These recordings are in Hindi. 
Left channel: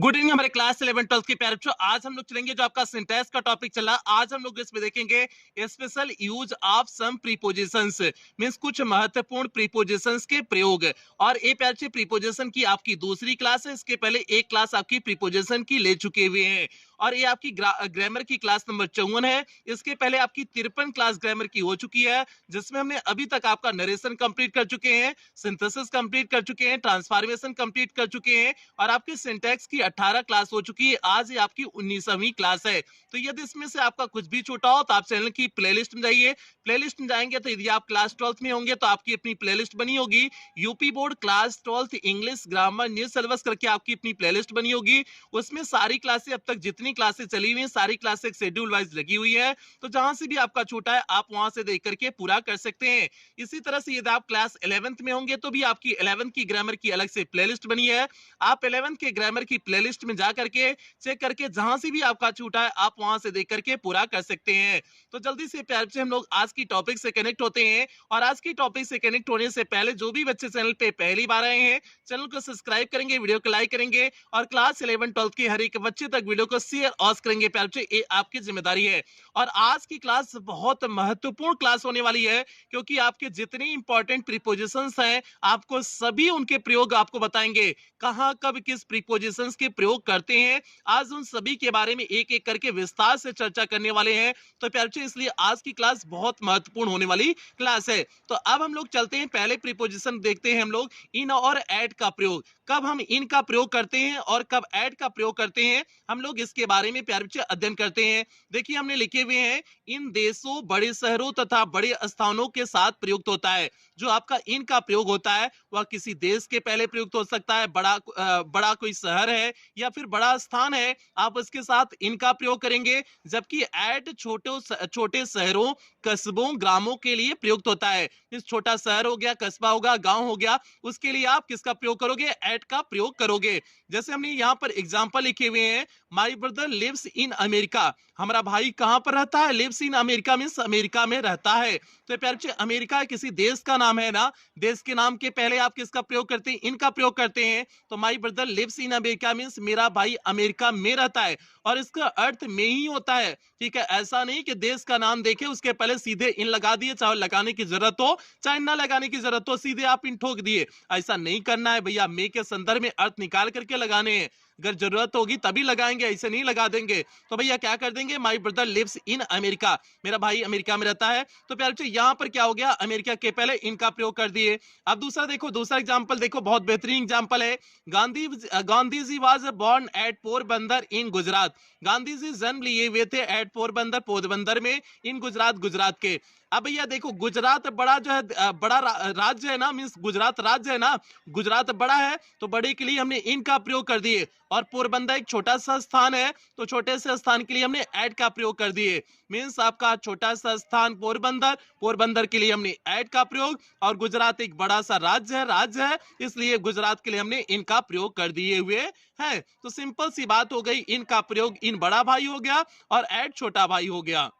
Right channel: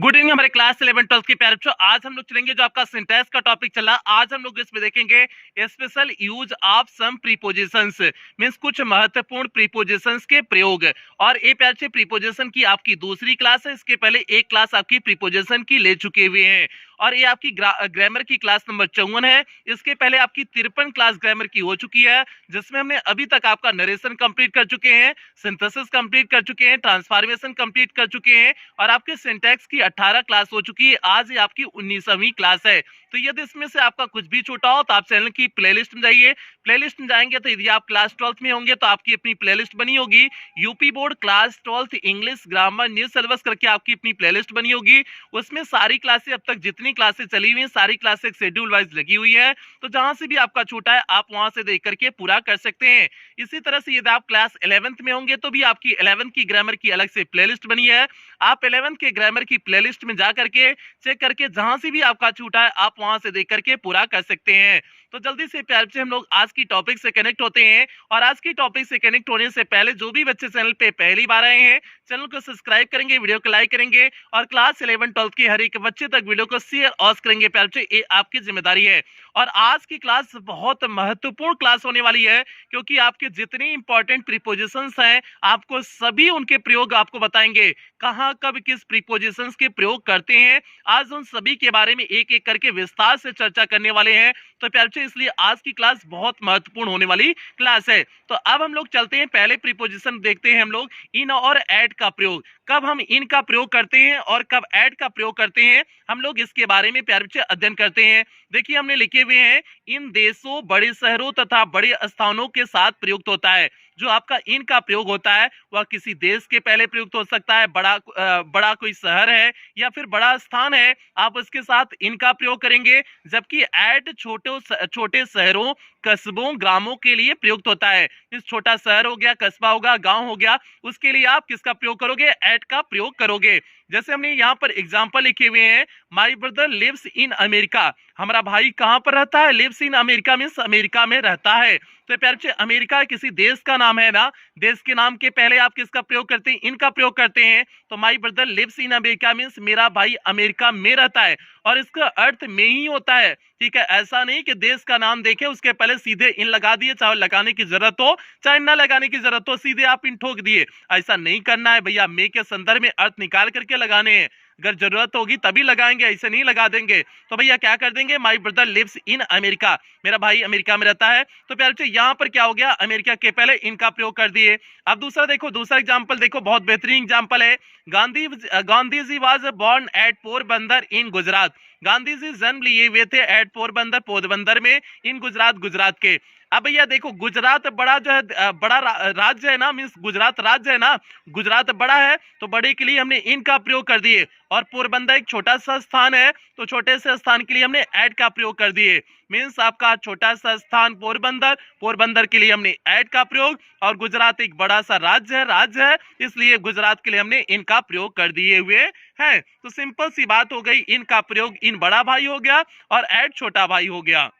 गुड इवनिंग हमारे क्लास 11-12 के प्यारे बच्चों। आज हम लोग चलेंगे जो आपका सिंटैक्स का टॉपिक चला। आज हम लोग इसमें देखेंगे special use of some prepositions, means कुछ महत्वपूर्ण प्रीपोजिशंस के प्रयोग। और ये प्यारे बच्चे प्रीपोजिशन की आपकी दूसरी क्लास है। इसके पहले एक क्लास आपकी प्रीपोजिशन की ले चुके हुए हैं और ये आपकी ग्रामर की क्लास नंबर 54 है। इसके पहले आपकी 53 क्लास ग्रामर की हो चुकी है, जिसमें हमने अभी तक आपका नरेशन कंप्लीट कर चुके हैं, सिंथेसिस कंप्लीट कर चुके हैं, ट्रांसफॉर्मेशन कंप्लीट कर चुके हैं और आपके सिंटैक्स की 18 क्लास हो चुकी है। आज ये आपकी 19वीं क्लास है। तो यदि इसमें से आपका कुछ भी छूटा हो तो आप चैनल की प्लेलिस्ट में जाइए। प्लेलिस्ट में जाएंगे तो यदि आप क्लास 12th में होंगे तो आपकी अपनी प्लेलिस्ट बनी होगी, UP board class 12th English grammar new syllabus करके आपकी अपनी प्लेलिस्ट बनी होगी। उसमें सारी क्लासें अब तक जितनी क्लासें चली हुई हैं सारी क्लासें शेड्यूल वाइज लगी हुई है। तो जहां से भी आपका छूटा है आप वहां से देख करके पूरा कर सकते हैं। इसी तरह से यदि आप क्लास 11th में होंगे तो भी आपकी 11th की ग्रामर की अलग से प्लेलिस्ट बनी है। आप 11th के ग्रामर की प्लेलिस्ट में जा करके चेक करके जहां से भी आपका छूटा है आप वहां से देख करके पूरा कर सकते हैं। तो जल्दी से प्यार से हम लोग आज की टॉपिक से कनेक्ट होते हैं। और आज की टॉपिक से कनेक्ट होने से पहले जो भी बच्चे चैनल पे पहली बार आए हैं चैनल को सब्सक्राइब करेंगे, वीडियो को लाइक करेंगे और क्लास 11-12 के हर एक बच्चे तक वीडियो को शेयर और करेंगे। प्यार से ये आपकी जिम्मेदारी है। और आज की क्लास बहुत महत्वपूर्ण क्लास होने वाली है, क्योंकि आपके जितने इंपॉर्टेंट प्रीपोजिशंस हैं आपको सभी उनके प्रयोग आपको बताएंगे, कहां कब किस प्रीपोजिशंस के प्रयोग करते हैं। आज उन सभी के बारे में एक एक करके विस्तार से चर्चा करने वाले हैं। तो प्यारे बच्चों इसलिए आज की क्लास बहुत महत्वपूर्ण होने वाली क्लास है। तो अब हम लोग चलते हैं, पहले प्रीपोजिशन देखते हैं हम लोग इन और ऐड का प्रयोग। कब हम इन का प्रयोग करते हैं और कब ऐड का प्रयोग करते हैं हम लोग इसके बारे में प्यारे बच्चे अध्ययन करते हैं। देखिए हमने लिखे हुए हैं इन देशों, बड़े शहरों तथा बड़े स्थानों के साथ प्रयुक्त होता है। जो आपका इन का प्रयोग होता है वह किसी देश के पहले प्रयुक्त हो सकता है, बड़ा कोई शहर है या फिर बड़ा स्थान है आप उसके साथ इनका प्रयोग करेंगे। जबकि ऐड छोटे शहरों, कस्बों, ग्रामों के लिए प्रयुक्त होता है। इस छोटा शहर हो गया, कस्बा होगा, गांव हो गया, उसके लिए आप किसका प्रयोग करोगे? ऐड का प्रयोग करोगे। जैसे हमने यहाँ पर एग्जांपल लिखे हुए हैं, my brother lives in America. हमारा भाई कहां पर रहता है? Lives in America means America में रहता है। तो प्यारे बच्चे अमेरिका किसी देश का नाम है ना, देश के नाम के पहले आप किसका प्रयोग करते हैं? इनका प्रयोग करते हैं। तो my brother lives in America means मेरा भाई अमेरिका में रहता है और इसका अर्थ में ही होता है। ठीक है, ऐसा नहीं कि देश का नाम देखे उसके पहले सीधे इन लगा दिए, चाहे लगाने की जरूरत हो चाहे ना लगाने की जरूरत हो, सीधे आप इन ठोक दिए। ऐसा नहीं करना है भैया, मे के संदर्भ में अर्थ निकाल करके लगाने हैं। अगर जरूरत होगी तभी लगाएंगे, ऐसे नहीं लगा देंगे। तो भैया क्या कर देंगे? My brother lives in America, मेरा भाई अमेरिका में रहता है। तो प्यारे बच्चों यहाँ पर क्या हो गया? अमेरिका के पहले इनका प्रयोग कर दिए। अब दूसरा देखो, दूसरा एग्जाम्पल देखो, बहुत बेहतरीन एग्जाम्पल है। Gandhi ji was born at Porbandar इन गुजरात। गांधी जी जन्म लिए हुए थे एट पोरबंदर में, इन गुजरात के। अब भैया देखो गुजरात बड़ा जो है बड़ा राज्य है ना, मींस गुजरात राज्य है ना, गुजरात बड़ा है तो बड़े के लिए हमने इन का प्रयोग कर दिए। और पोरबंदर एक छोटा सा स्थान है तो छोटे से स्थान के लिए हमने ऐड का प्रयोग कर दिए। मींस आपका छोटा सा स्थान पोरबंदर के लिए हमने ऐड का प्रयोग, और गुजरात एक बड़ा सा राज्य है इसलिए गुजरात के लिए हमने इनका प्रयोग कर दिए हुए हैं। तो सिंपल सी बात हो गई, इनका प्रयोग इन बड़ा भाई हो गया और ऐड छोटा भाई हो गया।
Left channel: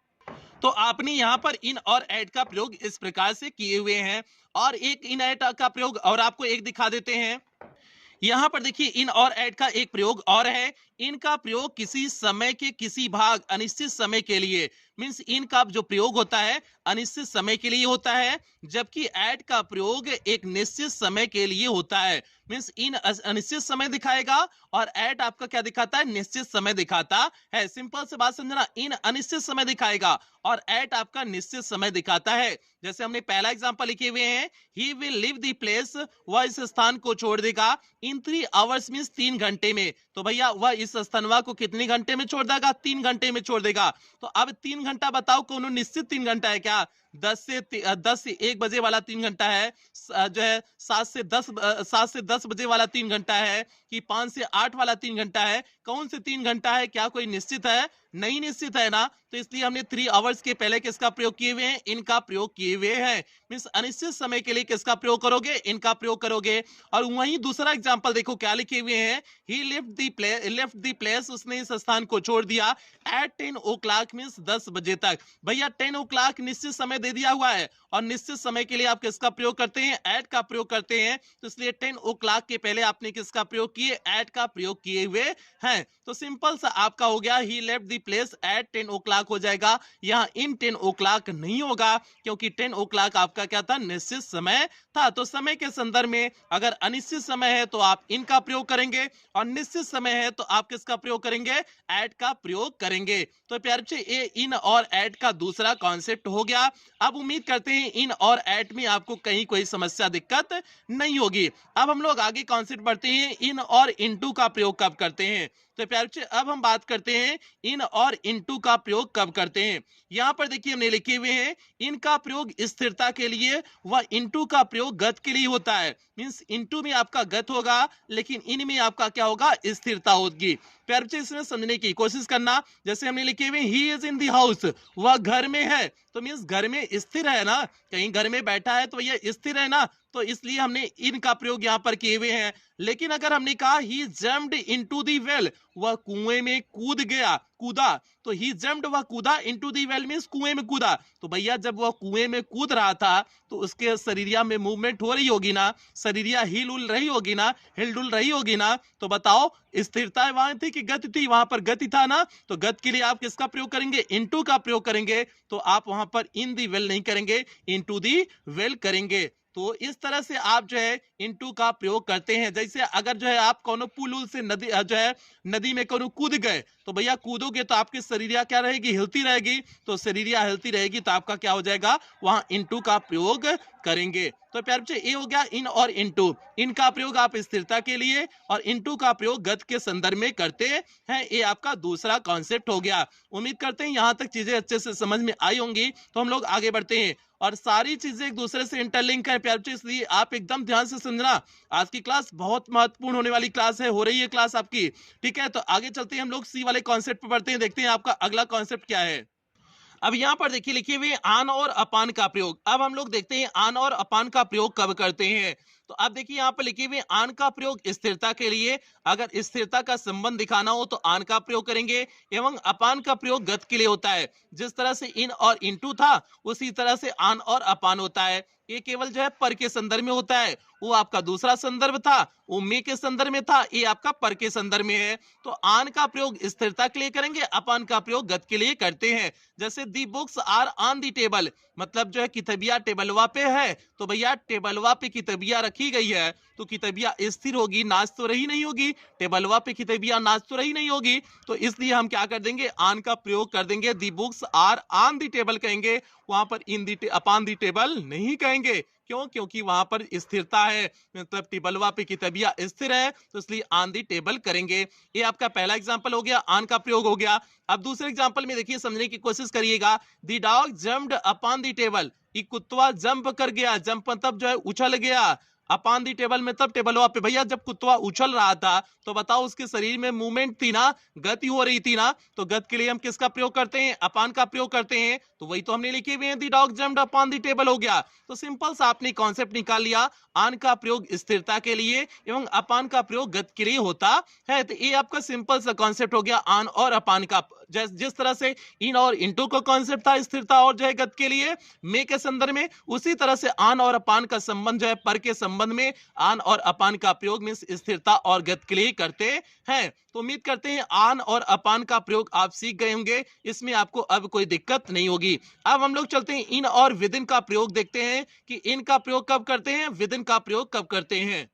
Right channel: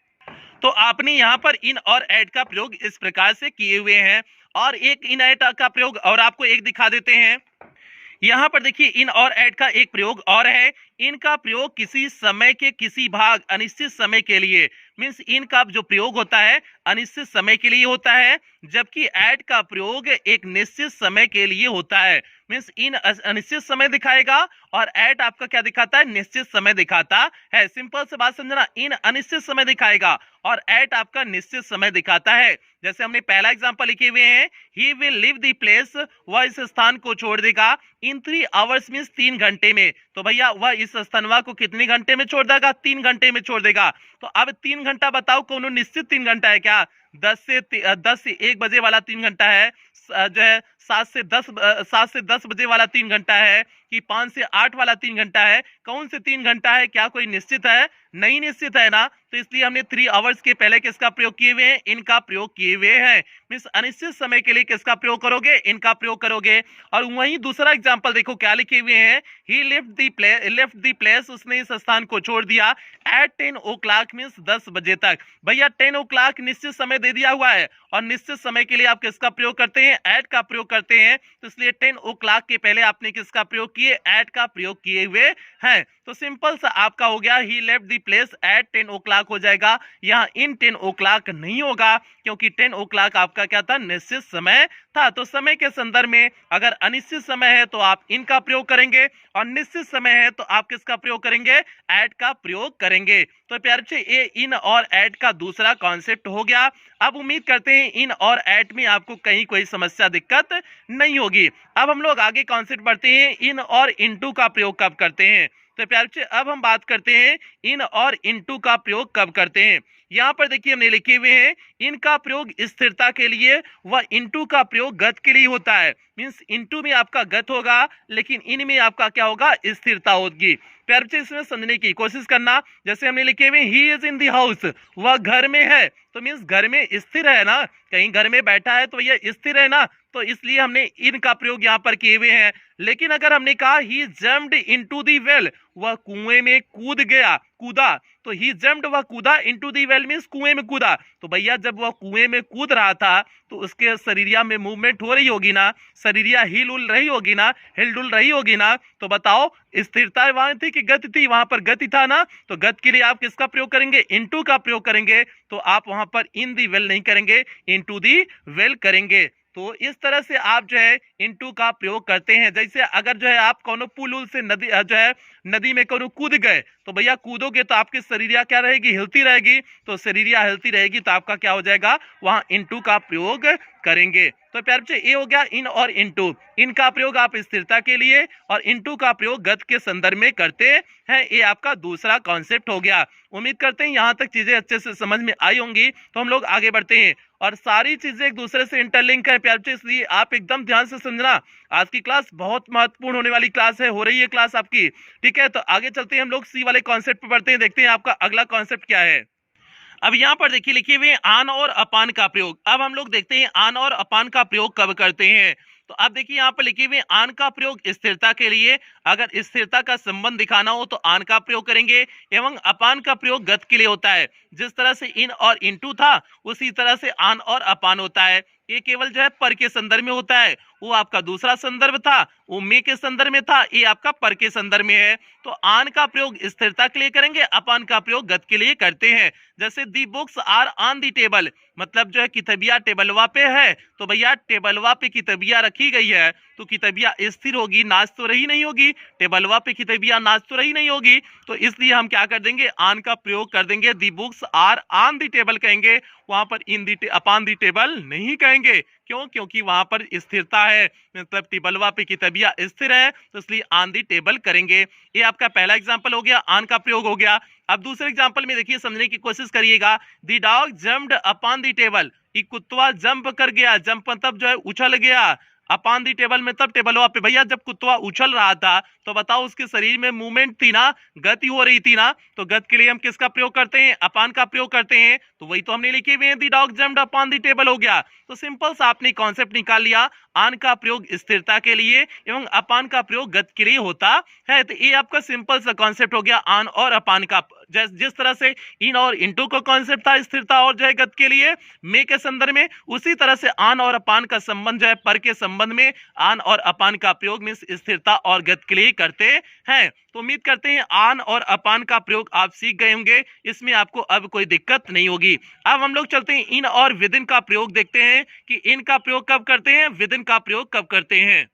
तो आपने यहाँ पर इन और ऐड का प्रयोग इस प्रकार से किए हुए हैं। और एक इन ऐड का प्रयोग और आपको एक दिखा देते हैं। यहां पर देखिए इन और ऐड का एक प्रयोग और है। इनका प्रयोग किसी समय के किसी भाग अनिश्चित समय के लिए, मींस इनका जो प्रयोग होता है अनिश्चित समय के लिए होता है, जबकि ऐड का प्रयोग एक निश्चित समय के लिए होता है। मींस इन अनिश्चित समय दिखाएगा और ऐड आपका क्या दिखाता है? निश्चित समय दिखाता है। सिंपल से बात समझना, इन अनिश्चित समय दिखाएगा और ऐड आपका निश्चित समय दिखाता है। जैसे हमने पहला एग्जांपल लिखे हुए हैं, he will leave the place, वह इस स्थान को छोड़ देगा इन 3 आवर्स मींस 3 घंटे में। तो भैया वह इस स्थानवा को कितने घंटे में छोड़ देगा? 3 घंटे में छोड़ देगा। तो अब 3 घंटा बताओ, कौन निश्चित 3 घंटा है क्या? 10 से 1 बजे वाला 3 घंटा है, जो है 7 से 10 बजे वाला 3 घंटा है, कि 5 से 8 वाला 3 घंटा है? कौन से 3 घंटा है? क्या कोई निश्चित है? नहीं निश्चित है ना। तो इसलिए हमने 3 आवर्स के पहले किसका प्रयोग किए हुए हैं? इनका प्रयोग किए हुए हैं। मींस अनिश्चित समय के लिए किसका प्रयोग करोगे? इनका प्रयोग करोगे। और वहीं दूसरा एग्जांपल देखो क्या लिखे हुए हैं, ही लेफ्ट द प्लेस, उसने इस स्थान को छोड़ दिया एट 10 o'clock मींस 10 बजे तक। भैया 10 o'clock निश्चित समय दे दिया हुआ है और निश्चित समय के लिए आप किसका प्रयोग करते हैं, एट का प्रयोग करते हैं, तो इसलिए 10 ओ क्लॉक के पहले आपने किसका प्रयोग किए, एट का प्रयोग किए हुए हैं। तो सिंपल सा आपका हो गया ही left the place at 10 o'clock हो जाएगा। यहाँ इन 10 ओ क्लॉक नहीं होगा क्योंकि 10 ओ क्लॉक आपका क्या था, निश्चित समय था। तो समय के संदर्भ में अगर अनिश्चित समय है तो आप इन का प्रयोग करेंगे और निश्चित समय है तो आप किसका प्रयोग करेंगे, एट का प्रयोग करेंगे। तो प्यारे बच्चे ये इन और एट का दूसरा कॉन्सेप्ट हो गया। अब उम्मीद करते हैं इन और एट में आपको कहीं कोई समस्या दिक्कत नहीं होगी। अब हम लोग आगे कॉन्सेप्ट बढ़ते हैं, इन और इनटू का प्रयोग कब करते हैं। तो प्यारे बच्चे अब हम बात करते हैं इन और इनटू का प्रयोग कब करते हैं। यहाँ पर देखिए हमने लिखे हुए हैं इन का प्रयोग स्थिरता के लिए व इनटू का प्रयोग गत के लिए होता है। मींस इनटू में आपका गत होगा लेकिन इन में आपका क्या होगा, स्थिरता होगी। प्यारे बच्चे इसमें समझने की कोशिश करना, जैसे हमने लिखे हुए he is in the house, वह घर में है, तो मींस घर में स्थिर है ना, कहीं घर में बैठा है तो यह स्थिर है ना, तो इसलिए हमने इन का प्रयोग यहाँ पर किए हुए हैं। लेकिन अगर हमने कहा ही जम्प्ड इनटू द वेल, वह कुएं में कूद गया, कूदा, तो ही जम्प्ड वह कूदा, इनटू द वेल मींस कुएं में कूदा, तो भैया जब वह कुएं में कूद रहा था तो उसके शरीरिया में मूवमेंट हो रही होगी ना, शरीरिया हिल उल रही होगी ना, हिल डुल रही होगी ना, तो बताओ स्थिरता वहां थी कि गति थी, वहां पर गति था ना, तो गति के लिए आप किसका प्रयोग करेंगे, इनटू का प्रयोग करेंगे। तो आप वहां पर इन दी वेल नहीं करेंगे, इनटू दी वेल करेंगे। तो इस तरह से आप जो है इनटू का प्रयोग करते हैं। जैसे अगर जो है आप कोनो पुल उल से नदी जो है नदी में कोनो कूद गए तो भैया कूदोगे तो आपकी शरीरिया क्या रहेगी, हिलती रहेगी, तो शरीरिया हिलती रहेगी तो आपका क्या हो जाएगा, वहां इनटू का प्रयोग करेंगे। तो प्यारे बच्चे ये हो गया इन और इनटू। इन का प्रयोग आप स्थिरता के लिए और इनटू का प्रयोग गत के संदर्भ में करते हैं। ये आपका दूसरा कॉन्सेप्ट हो गया। उम्मीद करते हैं यहाँ तक चीजें अच्छे से समझ में आई होंगी। तो हम लोग आगे बढ़ते हैं और सारी चीजें एक दूसरे से इंटरलिंक है प्यारे बच्चे, इसलिए आप एकदम ध्यान से समझना। आज की क्लास बहुत महत्वपूर्ण होने वाली क्लास है, हो रही है क्लास आपकी, ठीक है। तो आगे चलते हैं, हम लोग सी वाले कॉन्सेप्ट पे बढ़ते हैं, देखते हैं आपका अगला कॉन्सेप्ट क्या है। अब यहाँ पर देखिए लिखे हुए आन और अपान का प्रयोग। अब हम लोग देखते हैं आन और अपान का प्रयोग कब करते हैं। तो अब देखिए यहाँ पर लिखे हुए आन का प्रयोग स्थिरता के लिए, अगर स्थिरता का संबंध दिखाना हो तो आन का प्रयोग करेंगे, एवं अपान का प्रयोग गत के लिए होता है। जिस तरह से इन और इनटू था उसी तरह से आन और अपान होता है। ये केवल जो है पर के संदर्भ में होता है, वो आपका दूसरा संदर्भ था, वो मे के संदर्भ में था, ये आपका पर के संदर्भ में है। तो आन का प्रयोग स्थिरता के लिए करेंगे, अपान का प्रयोग गत के लिए करते हैं। जैसे the books are on the table, मतलब जो है किताबिया टेबलवा पे है, तो भैया टेबलवा पे किताबिया रखी गई है तो किताबिया स्थिर होगी, नाच तो रही नहीं होगी, टेबलवा पे किताबिया नाच तो रही नहीं होगी, तो इसलिए हम क्या कर देंगे, आन का प्रयोग कर देंगे, the books are on the table कहेंगे, वहां पर इन दी अपॉन दी टेबल नहीं कहेंगे। क्यों, क्योंकि वहां पर स्थिरता है, मतलब टेबलवा पे किताबिया स्थिर है, तो इसलिए ऑन दी टेबल करेंगे। ये आपका पहला एग्जांपल हो गया, ऑन का प्रयोग हो गया। अब दूसरे एग्जांपल में देखिए, समझने की कोशिश करिएगा। The dog jumped upon the table, ये कुत्ता जंप कर गया, जंप मतलब जो है उछल गया, अपॉन दी टेबल में तब टेबलवा पे, भैया जब कुत्ता उछल रहा था तो बताओ उसके शरीर में मूवमेंट थी ना, गति हो रही थी ना, तो गति के लिए हम किसका प्रयोग करते हैं, अपान का प्रयोग करते हैं। तो वही तो हमने लिखे हुए हैं, the dog jumped upon the table हो गया। तो सिंपल सा आपने कॉन्सेप्ट निकाल लिया, आन का प्रयोग स्थिरता के लिए एवं अपान का प्रयोग गति के लिए होता है। तो ये आपका सिंपल सा कॉन्सेप्ट हो गया आन और अपान का। जिस तरह से इन और इनटू का कॉन्सेप्ट था स्थिरता और जो है गति के लिए मे के संदर्भ में, उसी तरह से आन और अपान का संबंध जो है पर के संबंध में आन और अपान का प्रयोग में स्थिरता और गति के लिए करते हैं। तो उम्मीद करते हैं आन और अपान का प्रयोग आप सीख गए होंगे, इसमें आपको अब कोई दिक्कत नहीं होगी। अब हम लोग चलते हैं इन और विदिन का प्रयोग देखते हैं कि इन का प्रयोग कब करते हैं, विदिन का प्रयोग कब करते हैं।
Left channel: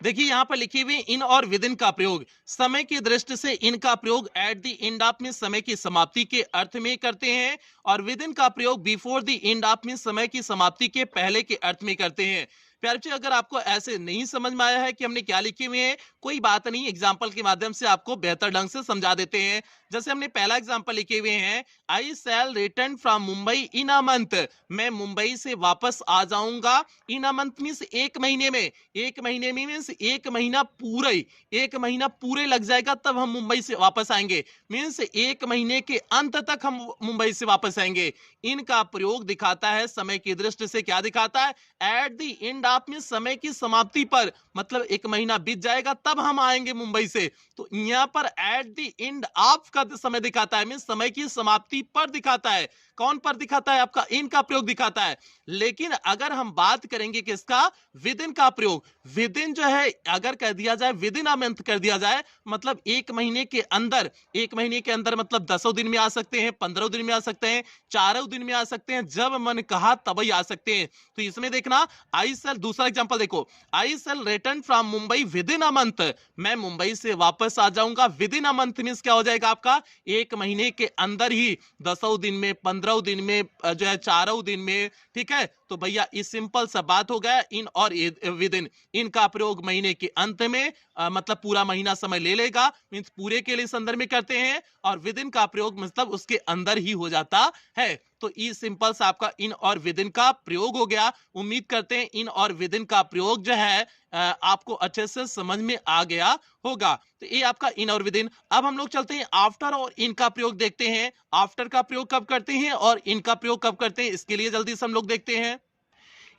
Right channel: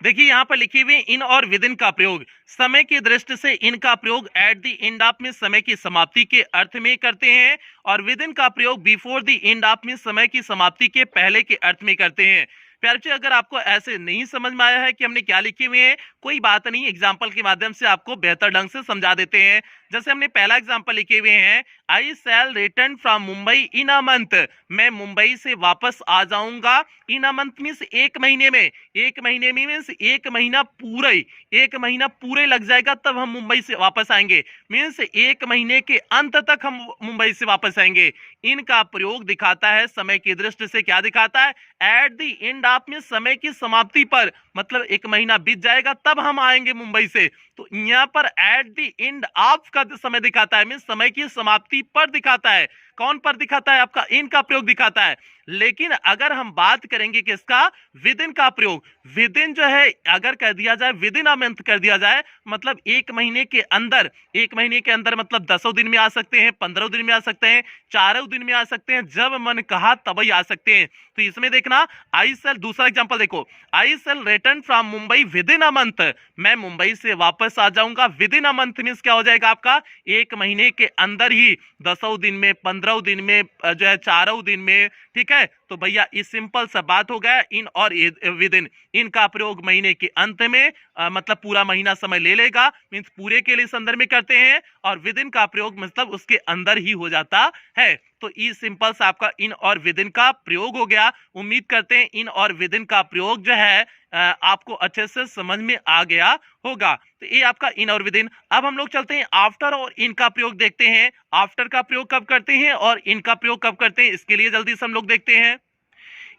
देखिए यहाँ पर लिखी हुई इन और विदिन का प्रयोग, समय की दृष्टि से इन का प्रयोग एट द एंड ऑफ में समय की समाप्ति के अर्थ में करते हैं, और विदिन का प्रयोग बिफोर द एंड ऑफ में समय की समाप्ति के पहले के अर्थ में करते हैं। प्यारे बच्चे, अगर आपको ऐसे नहीं समझ में आया है कि हमने क्या लिखे हुए हैं, कोई बात नहीं, एग्जाम्पल के माध्यम से आपको बेहतर ढंग से समझा देते हैं। जैसे हमने पहला एग्जाम्पल लिखे हुए हैं, I shall return from Mumbai in a month, मैं मुंबई से वापस आ जाऊंगा। इन अ मंथ मीन्स एक महीने में, एक महीने में मीन्स एक महीना पूरे, एक महीना पूरे लग जाएगा तब हम मुंबई से वापस आएंगे, मीन्स एक महीने के अंत तक हम मुंबई से वापस आएंगे। इनका प्रयोग दिखाता है समय की दृष्टि से, क्या दिखाता है, एट द एंड ऑफ में समय की समाप्ति पर, मतलब एक महीना बीत जाएगा तब हम आएंगे मुंबई से। तो यहाँ पर एट द एंड ऑफ का समय दिखाता है, मीन्स समय की समाप्ति पर दिखाता है। कौन पर दिखाता है, आपका इन का प्रयोग दिखाता है। लेकिन अगर हम बात करेंगे किसका, विद इन का प्रयोग, विद इन जो है अगर कह दिया जाए, विद इन अ मंथ कर दिया जाए, मतलब एक महीने के अंदर, एक महीने के अंदर मतलब 10 दिन में आ सकते हैं, 15 दिन में आ सकते हैं, 4 दिन में आ सकते हैं, जब मन कहा तभी आ सकते हैं। तो इसमें देखना, आई सेल, दूसरा एग्जांपल देखो, I shall return from Mumbai within a month, मैं मुंबई से वापस आ जाऊंगा। Within a month means क्या हो जाएगा आपका, एक महीने के अंदर ही, 10 दिन में, 15 दिन में, जो है 4 दिन में, ठीक है। तो भैया इस सिंपल सा बात हो गया, इन और विद इन, इनका प्रयोग महीने के अंत में, मतलब पूरा महीना समय ले लेगा, मींस पूरे के लिए संदर्भ में करते हैं, और विद इन का प्रयोग मतलब उसके अंदर ही हो जाता है। तो ई सिंपल सा आपका इन और विद इन का प्रयोग हो गया। उम्मीद करते हैं इन और विद इन का प्रयोग जो है आपको अच्छे से समझ में आ गया होगा। तो ये आपका इन और विद इन। अब हम लोग चलते हैं आफ्टर और इन का प्रयोग देखते हैं। आफ्टर का प्रयोग कब करते हैं और इन का प्रयोग कब करते हैं, इसके लिए जल्दी से हम लोग देखते हैं।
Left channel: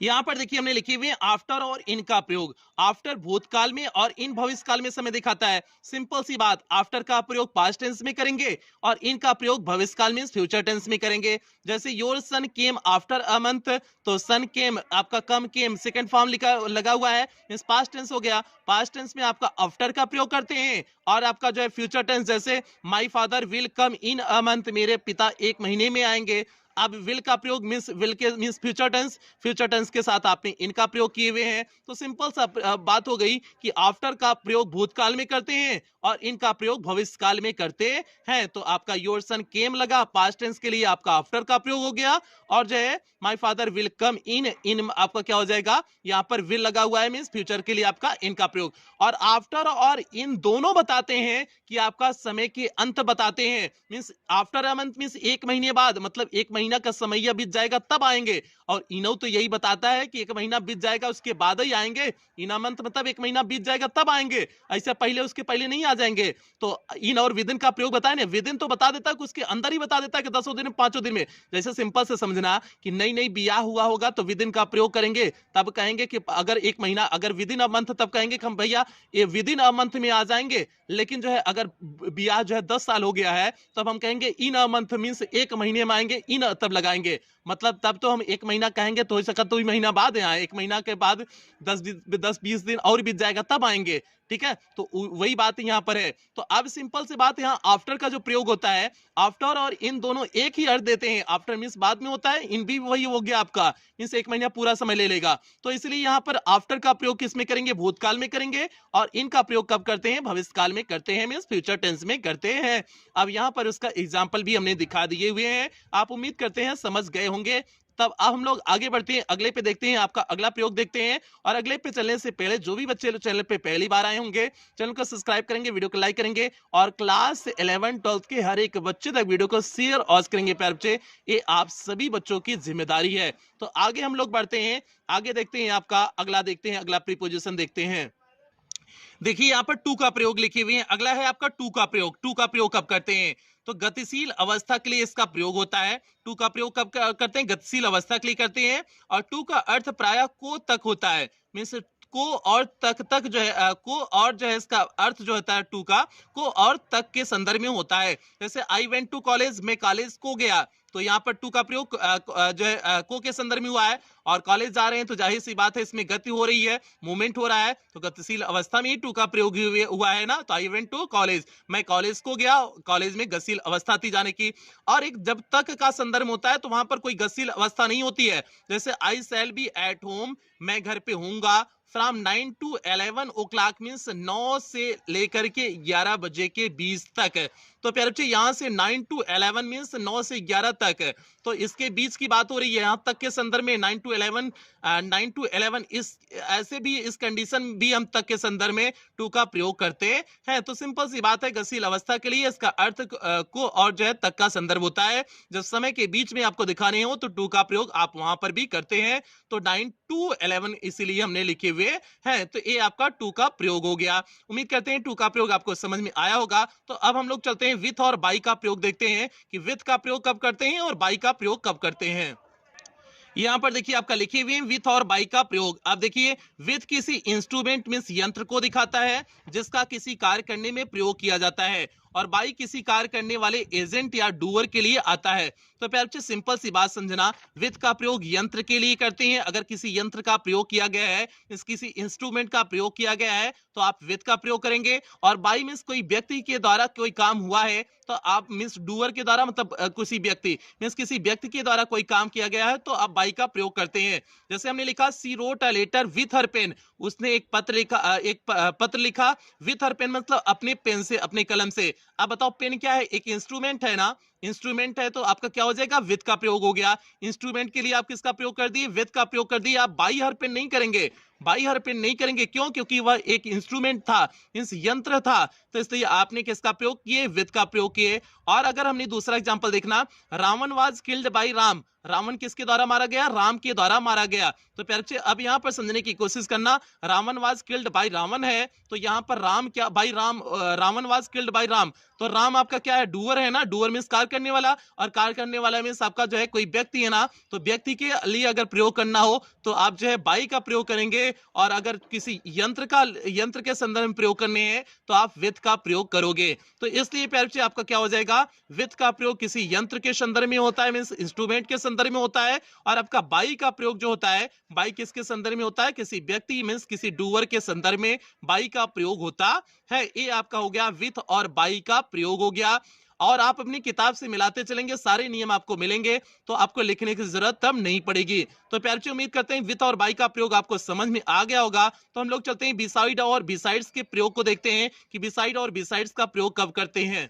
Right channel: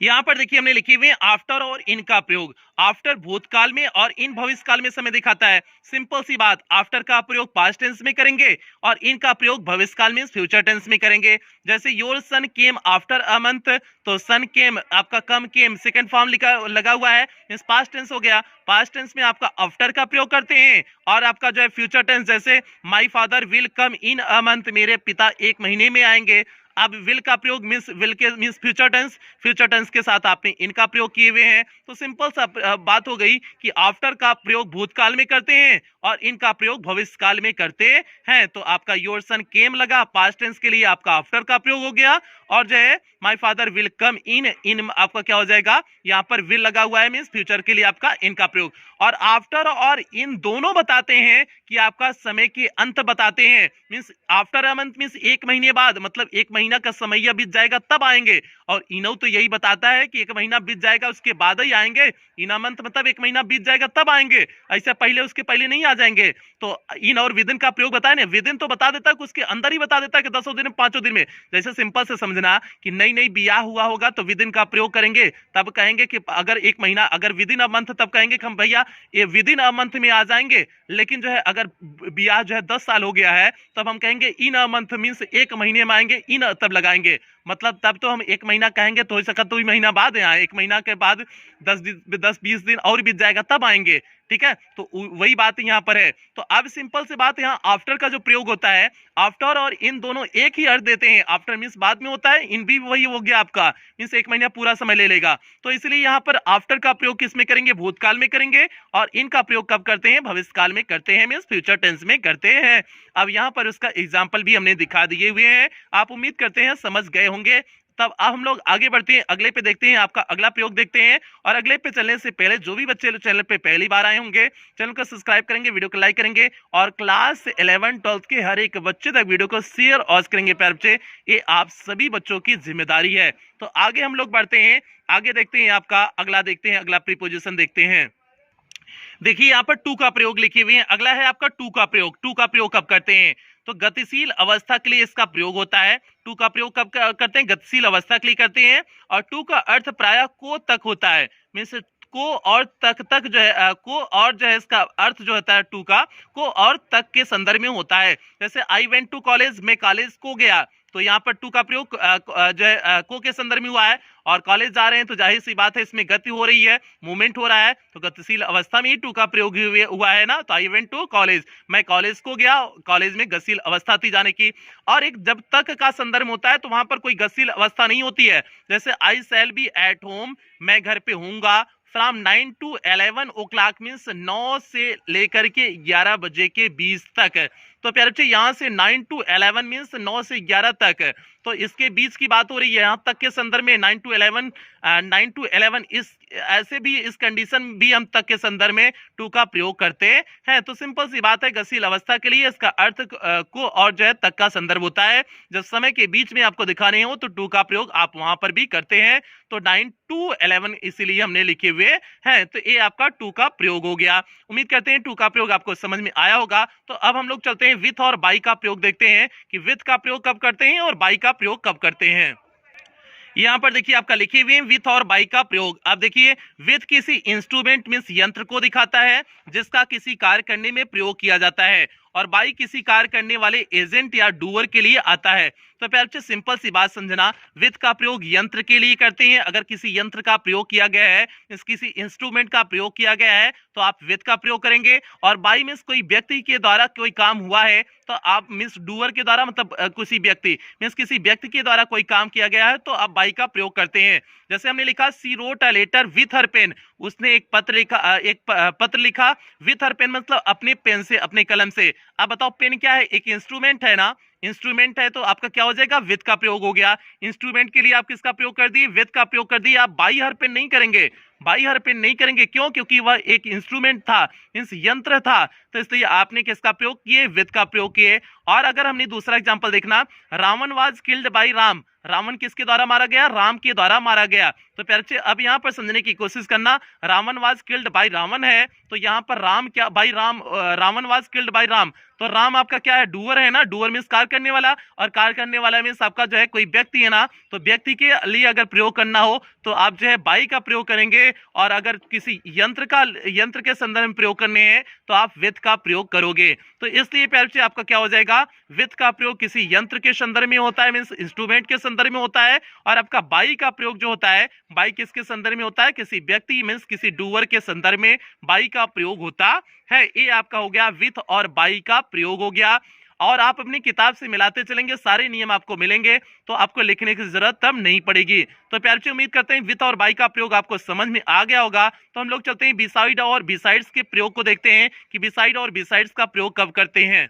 यहां पर देखिए हमने लिखे हुए आफ्टर और इन का प्रयोग। आफ्टर भूतकाल में और इन भविष्य काल में समय दिखाता है। सिंपल सी बात, आफ्टर का प्रयोग पास्ट टेंस में करेंगे और इन का प्रयोग भविष्य काल में फ्यूचर टेंस में करेंगे। जैसे your son came after a month, तो सन केम आपका कम केम सेकंड फॉर्म लिखा लगा हुआ है, मींस पास्ट टेंस हो गया। पास्ट टेंस में आपका आफ्टर का प्रयोग करते हैं, और आपका जो है फ्यूचर टेंस, जैसे my father will come in a month, मेरे पिता एक महीने में आएंगे। अब विल का प्रयोग मींस विल के means future tense, future tense के साथ आपने इनका प्रयोग किए हुए हैं। तो सिंपल सा बात हो गई कि आफ्टर का प्रयोग भूतकाल में करते हैं और इनका प्रयोग भविष्य काल में करते हैं। तो आपका योर सन केम लगा, पास्ट टेंस के लिए आपका आफ्टर का प्रयोग हो गया, और जो है माय फादर विल कम इन, इन आपका क्या हो जाएगा, यहाँ पर विल लगा हुआ है, मींस फ्यूचर के लिए आपका इनका प्रयोग। और आफ्टर और इन दोनों बताते हैं कि आपका समय के अंत बताते हैं, means after a month means एक महीने बाद, मतलब एक महीना का समय बीत जाएगा तब आएंगे। और इनो तो यही बताता है कि एक महीना बीत जाएगा उसके बाद ही आएंगे। इन अ मंथ मतलब एक महीना बीत जाएगा तब आएंगे, ऐसा पहले उसके पहले नहीं आ जाएंगे। तो इन और विद इन का प्रयोग बताए ना, विद इन तो बता देता है कि उसके अंदर ही बता देता है कि 10 दिन में, 5 दिन में। जैसे सिंपल से समझना कि नई नई ब्याह हुआ होगा तो विद इन का प्रयोग करेंगे, तब कहेंगे कि अगर एक महीना, अगर विद इन अ मंथ, तब कहेंगे कि हम भैया ये विद इन अ मंथ में आ जाएंगे। लेकिन जो है अगर ब्याह जो है 10 साल हो गया है, तब हम कहेंगे इन अ मंथ मींस एक महीने में आएंगे, इन तब लगाएंगे। मतलब तब तो हम एक महीना कहेंगे तो हो सकता तो महीना बाद आए, एक महीना के बाद 10-20 दिन और बीत जाएगा तब आएंगे, ठीक है। तो वही बात यहाँ पर है। तो अब सिंपल से बात, यहाँ आफ्टर का जो प्रयोग होता है, आफ्टर और इन दोनों एक ही अर्थ देते हैं। आफ्टर मींस बाद में होता है, इन भी वही हो गया आपका, मींस एक महीना पूरा समय ले लेगा। तो इसलिए यहाँ पर आफ्टर का प्रयोग किस में करेंगे, भूतकाल में करेंगे, और इनका प्रयोग कब करते हैं, भविष्य काल में करते हैं, मींस फ्यूचर टेंस में करते हैं। अब यहाँ पर उसका एग्जाम्पल भी हमने दिखा दिए हुए हैं, आप उम्मीद करते हैं समझ गए होंगे। तब अब हम लोग आगे बढ़ते हैं, अगले पे देखते हैं, आपका अगला प्रयोग देखते हैं। और अगले पे चलने से पहले जो भी बच्चे चैनल पे पहली बार आए होंगे, चैनल को सब्सक्राइब करेंगे, वीडियो को लाइक करेंगे, और क्लास 11-12 के हर एक बच्चे तक वीडियो को शेयर और करेंगे प्यारे बच्चे, ये आप सभी बच्चों की जिम्मेदारी है। तो आगे हम लोग बढ़ते हैं, आगे देखते हैं, आपका अगला देखते हैं, अगला प्रीपोजिशन देखते हैं। देखिए यहाँ पर टू का प्रयोग लिखे हुए हैं। अगला है आपका टू का प्रयोग। टू का प्रयोग कब करते हैं, तो गतिशील अवस्था के लिए इसका प्रयोग होता है। टू का प्रयोग कब करते हैं, गतिशील अवस्था के लिए करते हैं। और टू का अर्थ प्रायः को तक होता है, मीन्स को और तक जो है, को और जो है इसका अर्थ जो होता है टू का, को और तक के संदर्भ में होता है। जैसे आई वेंट टू कॉलेज, मैं कॉलेज को गया, तो यहाँ पर टू का प्रयोग जो है को के संदर्भ में हुआ है। और कॉलेज जा रहे हैं तो जाहिर सी बात है इसमें गति हो रही है, मूवमेंट हो रहा है, तो गतिशील अवस्था में ही टू का प्रयोग हुआ है ना। तो आई वेंट टू कॉलेज, मैं कॉलेज को गया, कॉलेज में गतिशील अवस्था थी जाने की। और एक जब तक का संदर्भ होता है तो वहां पर कोई गतिशील अवस्था नहीं होती है। जैसे I shall be at home, मैं घर पे हूंगा। From 9 to 11 o'clock means 9 से लेकर के 11 बजे के बीच तक। तो प्यारे बच्चे यहाँ से 9 to 11 मीन्स 9 से 11 तक, तो इसके बीच की बात हो रही है। यहाँ तक के संदर्भ में 9 to 11 इस ऐसे भी इस कंडीशन भी हम तक के संदर्भ में टू का प्रयोग करते हैं। तो सिंपल सी बात है, गतिशील अवस्था के लिए इसका अर्थ को और जो है तक का संदर्भ होता है। जब समय के बीच में आपको दिखाने हो तो टू का प्रयोग आप वहां पर भी करते हैं। तो 9 to 11 इसीलिए हमने लिखे हुए हैं। तो ये आपका टू का प्रयोग हो गया। उम्मीद करते हैं टू का प्रयोग आपको समझ में आया होगा। तो अब हम लोग चलते हैं विथ और बाई का प्रयोग देखते हैं कि विथ का प्रयोग कब करते हैं और बाई का प्रयोग कब करते हैं। यहाँ पर देखिए आपका लिखे हुए विथ और बाई का प्रयोग। अब देखिए विथ किसी इंस्ट्रूमेंट मींस यंत्र को दिखाता है जिसका किसी कार्य करने में प्रयोग किया जाता है। और बाई किसी कार्य करने वाले एजेंट या डूअर के लिए आता है। तो प्यारे बच्चे सिंपल सी बात समझना, विथ का प्रयोग यंत्र के लिए करते हैं। अगर किसी यंत्र का प्रयोग किया गया है, किसी इंस्ट्रूमेंट का प्रयोग किया गया है, तो आप विथ का प्रयोग करेंगे। और बाई मींस कोई व्यक्ति के द्वारा कोई काम हुआ है, तो आप मींस डूअर के द्वारा मतलब किसी व्यक्ति मींस किसी व्यक्ति के द्वारा कोई काम किया गया है, तो आप बाई का प्रयोग करते हैं। जैसे हमने लिखा she wrote a letter with her pen, उसने एक पत्र लिखा, पत्र लिखा विथ हर पेन मतलब अपने पेन से, अपने कलम से। अब बताओ पेन क्या है? एक इंस्ट्रूमेंट है ना, इंस्ट्रूमेंट है, तो आपका क्या हो जाएगा? विथ का प्रयोग हो गया। इंस्ट्रूमेंट के लिए आप किसका प्रयोग कर दिए? विथ का प्रयोग कर दिए। आप बाई हर पेन नहीं करेंगे, बाई हर पेन नहीं करेंगे। क्यों? क्योंकि वह एक इंस्ट्रूमेंट था, मींस यंत्र था, तो इसलिए आपने किसका प्रयोग किए? विथ का प्रयोग किए। और अगर हमने दूसरा एग्जांपल देखना, Ravan was killed by Ram, Ravan किसके द्वारा मारा गया? राम के द्वारा मारा गया। तो प्यारे बच्चे अब यहां पर समझने की कोशिश करना, Ravan was killed by Ravan है, तो यहां पर राम क्या? By Ram, Ravan was killed by Ram, तो राम आपका क्या है? डूअर है ना, डूअर मींस कार्य करने वाला, और कार्य करने वाला मींस आपका जो है कोई व्यक्ति है ना, तो व्यक्ति के लिए अगर प्रयोग करना हो तो आप जो है बाई का प्रयोग करेंगे। और अगर किसी यंत्र के संदर्भ में प्रयोग करने हैं तो आप विथ का प्रयोग करोगे। तो इसलिए प्यारे बच्चे आपका क्या हो जाएगा? विथ का प्रयोग किसी यंत्र के संदर्भ में होता है, मींस इंस्ट्रूमेंट के संदर्भ में होता है। और आपका बाई का प्रयोग जो होता है, बाई किसके संदर्भ में होता है? किसी व्यक्ति मींस किसी डूअर के संदर्भ में बाई का प्रयोग होता है। ये आपका हो गया विथ और बाई का प्रयोग हो गया। और आप अपनी किताब से मिलाते चलेंगे, सारे नियम आपको मिलेंगे, तो आपको लिखने की जरूरत तब नहीं पड़ेगी। तो प्यारे बच्चों उम्मीद करते हैं विथ और बाई का प्रयोग आपको समझ में आ गया होगा। तो हम लोग चलते हैं बिसाइड और बिसाइड्स के प्रयोग को देखते हैं कि बिसाइड और बिसाइड्स का प्रयोग कब करते हैं।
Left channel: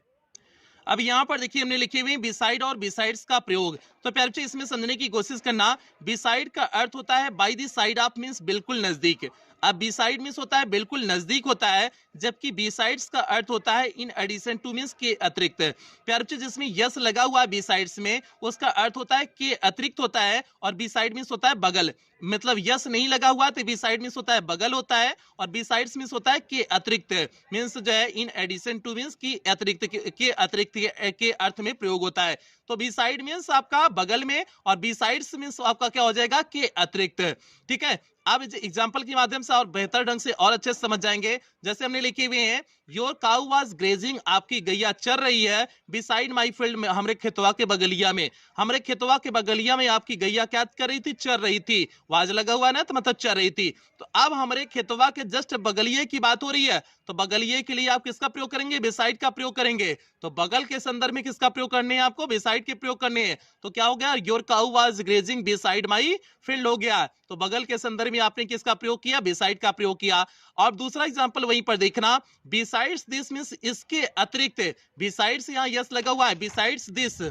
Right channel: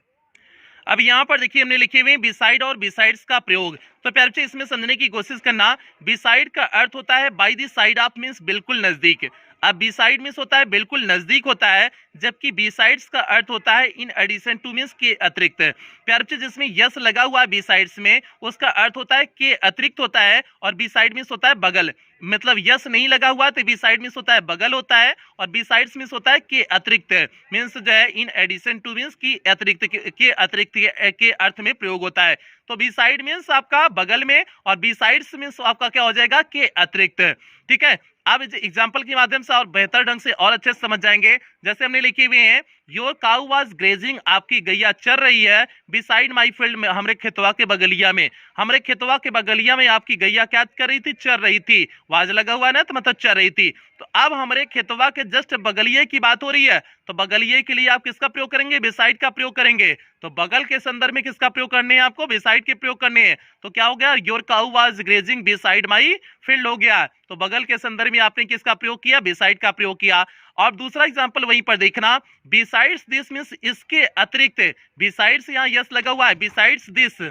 अब यहाँ पर देखिए हमने लिखे हुए बिसाइड और बिसाइड्स का प्रयोग। तो प्यारे बच्चे इसमें समझने की कोशिश करना, बिसाइड का अर्थ होता है by the side of means बिल्कुल नजदीक। अब बिसाइड मींस होता है बिल्कुल नजदीक होता है, जबकि बिसाइड्स का अर्थ होता है इन एडिशन टू मींस के अतिरिक्त। प्यारे बच्चे जिसमें यस लगा हुआ है बिसाइड्स में, उसका अर्थ होता है के अतिरिक्त होता है, और बिसाइड मींस होता है बगल। मतलब यस नहीं लगा हुआ तो बिसाइड मींस होता है बगल होता है, और बिसाइड्स मींस होता है के अतिरिक्त, मींस जो है इन एडिशन टू मींस की अतिरिक्त के अतिरिक्त के अर्थ में प्रयोग होता है। तो बिसाइड मींस आपका बगल में, और बिसाइड्स मींस आपका क्या हो जाएगा? के अतिरिक्त। ठीक है, अब एग्जाम्पल के माध्यम से और बेहतर ढंग से और अच्छे से समझ जाएंगे। जैसे हमने लिखे हुए हैं, योर काउ वाज ग्रेजिंग, आपकी गैया चर रही है, बिसाइड माई फील्ड में, हमरे खेतवा के बगलिया में, हमरे खेतवा के बगलिया में आपकी गैया क्या कर रही थी? चर रही थी। वाज लगा हुआ ना, तो मतलब चर रही थी। तो अब हमरे खेतवा के जस्ट बगलिए की बात हो रही है, तो बगलिए के लिए आप किसका प्रयोग करेंगे? बिसाइड का प्रयोग करेंगे। तो बगल के संदर्भ में किसका प्रयोग करने हैं आपको? बिसाइड के प्रयोग करने हैं। तो क्या हो गया? Your cow was grazing beside my field हो गया। तो बगल के संदर्भ में आपने किसका प्रयोग किया? बिसाइड का प्रयोग किया। और दूसरा एग्जांपल वहीं पर देखना, बिसाइड्स दिस मींस इसके अतिरिक्त, बिसाइड्स यहाँ यस लगा हुआ है, बिसाइड्स दिस,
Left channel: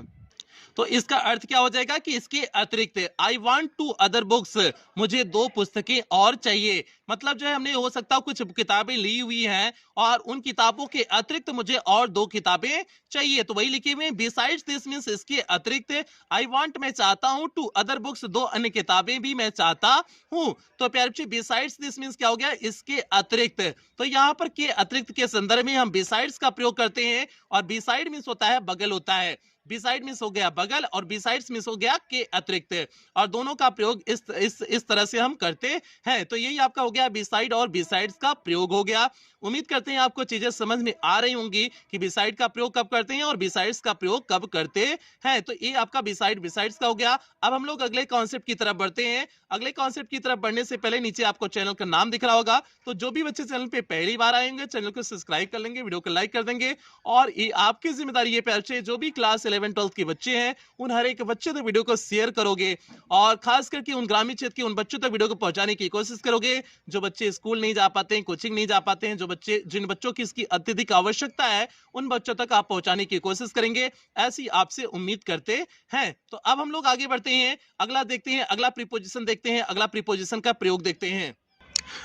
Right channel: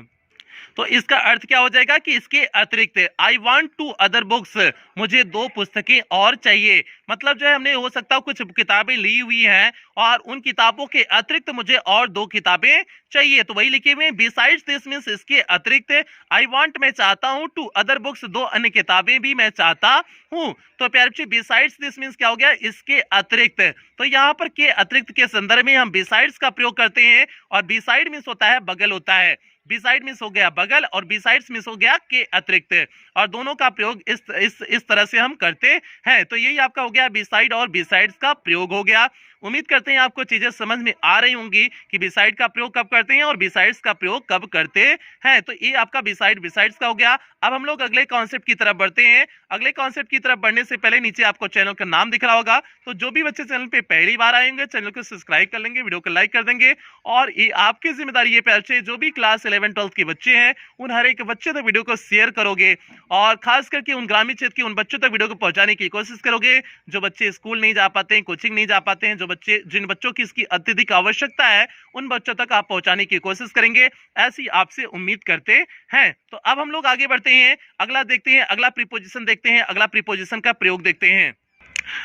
तो इसका अर्थ क्या हो जाएगा? कि इसके अतिरिक्त। I want to other books, मुझे 2 पुस्तकें और चाहिए। मतलब जो है हमने हो सकता है कुछ किताबें ली हुई हैं, और उन किताबों के अतिरिक्त मुझे और 2 किताबें चाहिए। तो वही लिखे हुए बिसाइड्स दिस मींस इसके अतिरिक्त, आई वॉन्ट मैं चाहता हूं, टू अदर बुक्स 2 अन्य किताबें भी मैं चाहता हूं। तो प्यारे बच्चे बिसाइड्स दिस मींस क्या हो गया? इसके अतिरिक्त। तो यहाँ पर के अतिरिक्त के संदर्भ में हम बिसाइड्स का प्रयोग करते हैं, और बिसाइड मींस होता है बगल होता है। बिसाइड मिस हो गया बगल, और बिसाइड्स मिस हो गया के अतिरिक्त, और दोनों का प्रयोग इस तरह से हम करते हैं। तो यही आपका हो गया बिसाइड और बिसाइड्स का प्रयोग हो गया। उम्मीद करते हैं आपको चीजें समझ में आ रही होंगी कि बिसाइड का प्रयोग कब करते हैं और बिसाइड्स का प्रयोग कब करते हैं। तो ये आपका बिसाइड बिसाइड्स का हो गया। अब हम लोग अगले कॉन्सेप्ट की तरफ बढ़ते हैं। अगले कॉन्सेप्ट की तरफ बढ़ने से पहले नीचे आपको चैनल का नाम दिख रहा होगा, तो जो भी बच्चे चैनल पे पहली बार आएंगे चैनल को सब्सक्राइब कर लेंगे, वीडियो को लाइक कर देंगे। और ये आपकी जिम्मेदारी है बच्चे, जो भी क्लास 11 12 के बच्चे हैं उन हर एक बच्चे तक वीडियो को शेयर करोगे, और खास करके उन ग्रामीण क्षेत्र के उन बच्चों तक वीडियो को पहुंचाने की कोशिश करोगे जो बच्चे स्कूल नहीं जा पाते हैं, कोचिंग नहीं जा पाते हैं, जिन बच्चों की इसकी अत्यधिक आवश्यकता है उन बच्चों तक आप पहुंचाने की कोशिश करेंगे, ऐसी आपसे उम्मीद करते हैं। तो अब हम लोग आगे बढ़ते हैं, अगला देखते हैं, अगला प्रीपोजिशन देखते हैं, अगला प्रीपोजिशन का प्रयोग देखते हैं।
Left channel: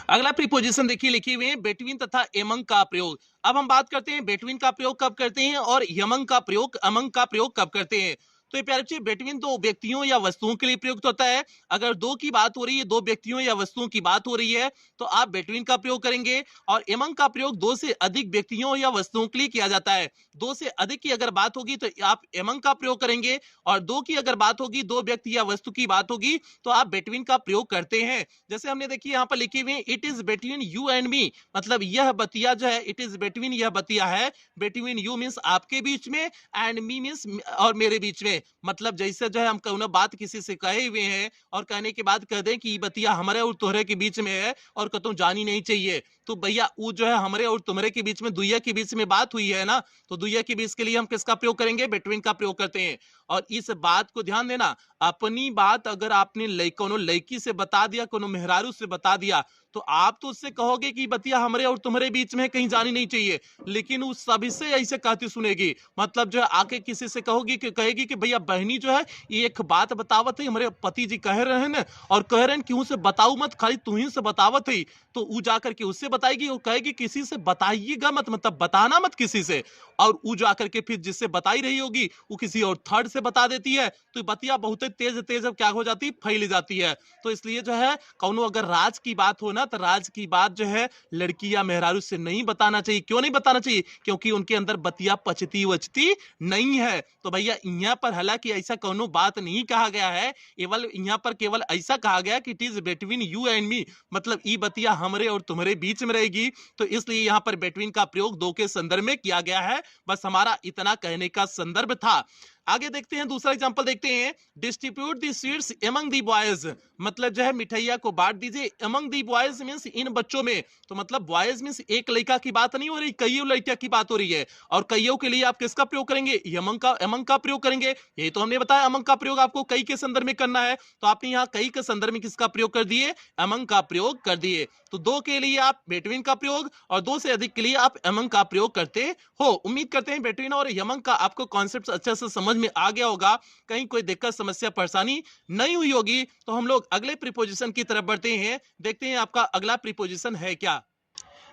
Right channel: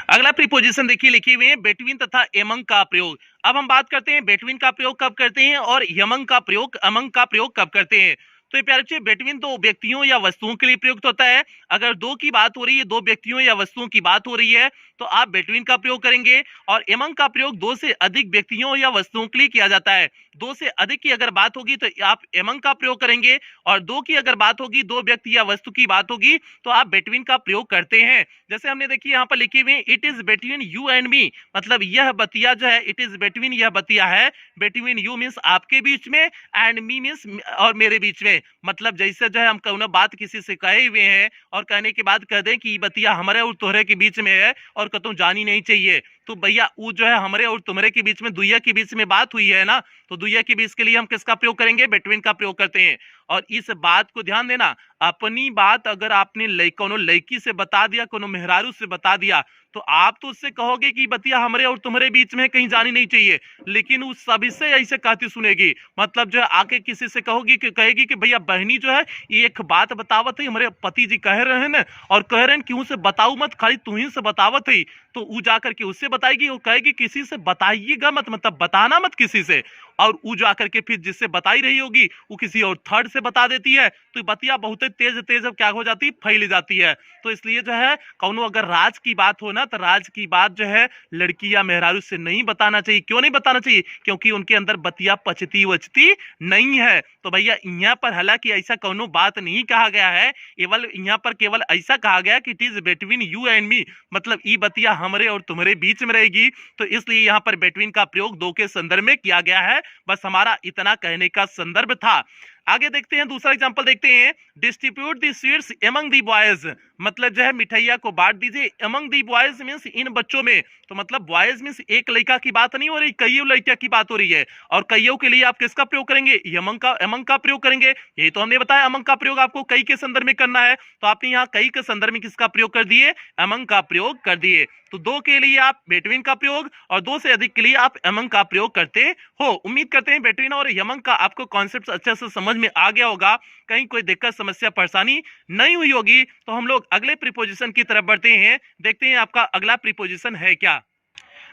अगला प्रीपोजिशन देखिए लिखे हुए हैं बिटवीन तथा एमंग का प्रयोग। अब हम बात करते हैं बिटवीन का प्रयोग कब करते हैं और यमंग का प्रयोग, अमंग का प्रयोग कब करते हैं। तो ये प्यारे बच्चे बिटवीन दो व्यक्तियों या वस्तुओं के लिए प्रयुक्त होता है। अगर दो की बात हो रही है, दो व्यक्तियों या वस्तुओं की बात हो रही है, तो आप बिटवीन का प्रयोग करेंगे। और एमंग का प्रयोग दो से अधिक व्यक्तियों या वस्तुओं के लिए किया जाता है। दो से अधिक की अगर बात होगी तो आप एमंग का प्रयोग करेंगे, और दो की अगर बात होगी, दो व्यक्ति या वस्तु की बात होगी, तो आप बिटवीन का प्रयोग करते हैं। जैसे हमने देखिए यहाँ पर लिखे हुए it is between you and me, मतलब यह बतिया जो है, इट इज बिटवीन, यह बतिया है बिटवीन यू मीन्स आपके बीच में, एंड मी मीन्स और मेरे बीच में। मतलब जैसे जो है हम कौनो बात किसी से कहे हुए हैं और कहने के बाद कह दें कि ये बतिया हमारे और तोहरे के बीच में है और कतौ जानी नहीं चाहिए, तो भैया वो जो है हमारे और तुम्हारे के बीच में, दुइया के बीच में बात हुई है ना, तो दुइया के बीच के लिए हम किसका प्रयोग करेंगे? बिटवीन का प्रयोग करते हैं। और इस बात को ध्यान देना, अपनी बात अगर आपने कोनो लड़की से बता दिया, कोनो मेहरारू से बता दिया, तो आप तो उससे कहोगे कि बतिया हमारे और तुम्हारे बीच में कहीं जानी नहीं चाहिए, लेकिन उस सभी से ऐसे कहती सुनेगी। मतलब जो है आके किसी से कहोगी कि कहेगी कि भैया बहनी जो है ये एक बात बतावत है, हमारे पति जी कह रहे हैं ना, और कह रहे हैं कि उनसे बताऊ मत, खाली तू ही से बतावत है। तो वो जाकर के उससे बताएगी और कहेगी किसी से बताइएगा मत, मतलब बताना मत किसी से। और वो जाकर के फिर जिससे बताई रही होगी वो किसी और थर्ड से बता देती है, तो बतिया बहुत तेज तेज क्या हो जाती है? फैल जाती है। तो इसलिए जो है कौनो अगर राज की बात हो ना, तो राज की बात जो है लड़की या मेहरारू से नहीं बताना चाहिए। क्यों नहीं बताना चाहिए? क्योंकि उनके अंदर बतिया पचती वचती नहीं है। तो भैया यहाँ पर हालांकि ऐसा कौनो बात नहीं कहा गया है, केवल यहाँ पर केवल ऐसा कहा गया कि it is between you and me, मतलब ई बतिया हमारे और तुम्हारे बीच में रहेगी। तो इसलिए यहाँ पर बिटवीन का प्रयोग दो के संदर्भ में किया गया है। बस हमारा इतना कहने का संदर्भ था। आगे देखते हैं, दूसरा एग्जांपल देखते हैं। डिस्ट्रीब्यूट दी स्वीट्स एमंग दी बॉयज, मतलब जो है मिठाइया को बांट दीजिए। एमंग दी बॉयज मींस इन बच्चों में, तो मतलब बॉयज मींस एक लड़का की बात नहीं हो रही, कईयों लड़कियां की बात हो रही है। और कईयों के लिए आप किसका प्रयोग करेंगे? एमंग का प्रयोग करेंगे। यही तो हमने बताया, एमंग का प्रयोग आपको कई के संदर्भ में करना है, तो आपने यहाँ कई के संदर्भ में किसका प्रयोग कर दिए? एमंग का प्रयोग कर दिए। तो दो के लिए आप बिटवीन का प्रयोग, और दो से अधिक के लिए आप एमंग का प्रयोग करते हो। उम्मीद करते हैं बिटवीन और एमंग का आपको कॉन्सेप्ट अच्छे से समझ में आ गया होगा, कहीं कोई दिक्कत समस्या परेशानी नहीं हुई होगी। तो हम लोग अगले प्रीपोजिशन की तरफ बढ़ते हैं, देखते हैं आपका अगला प्रीपोजिशन है क्या।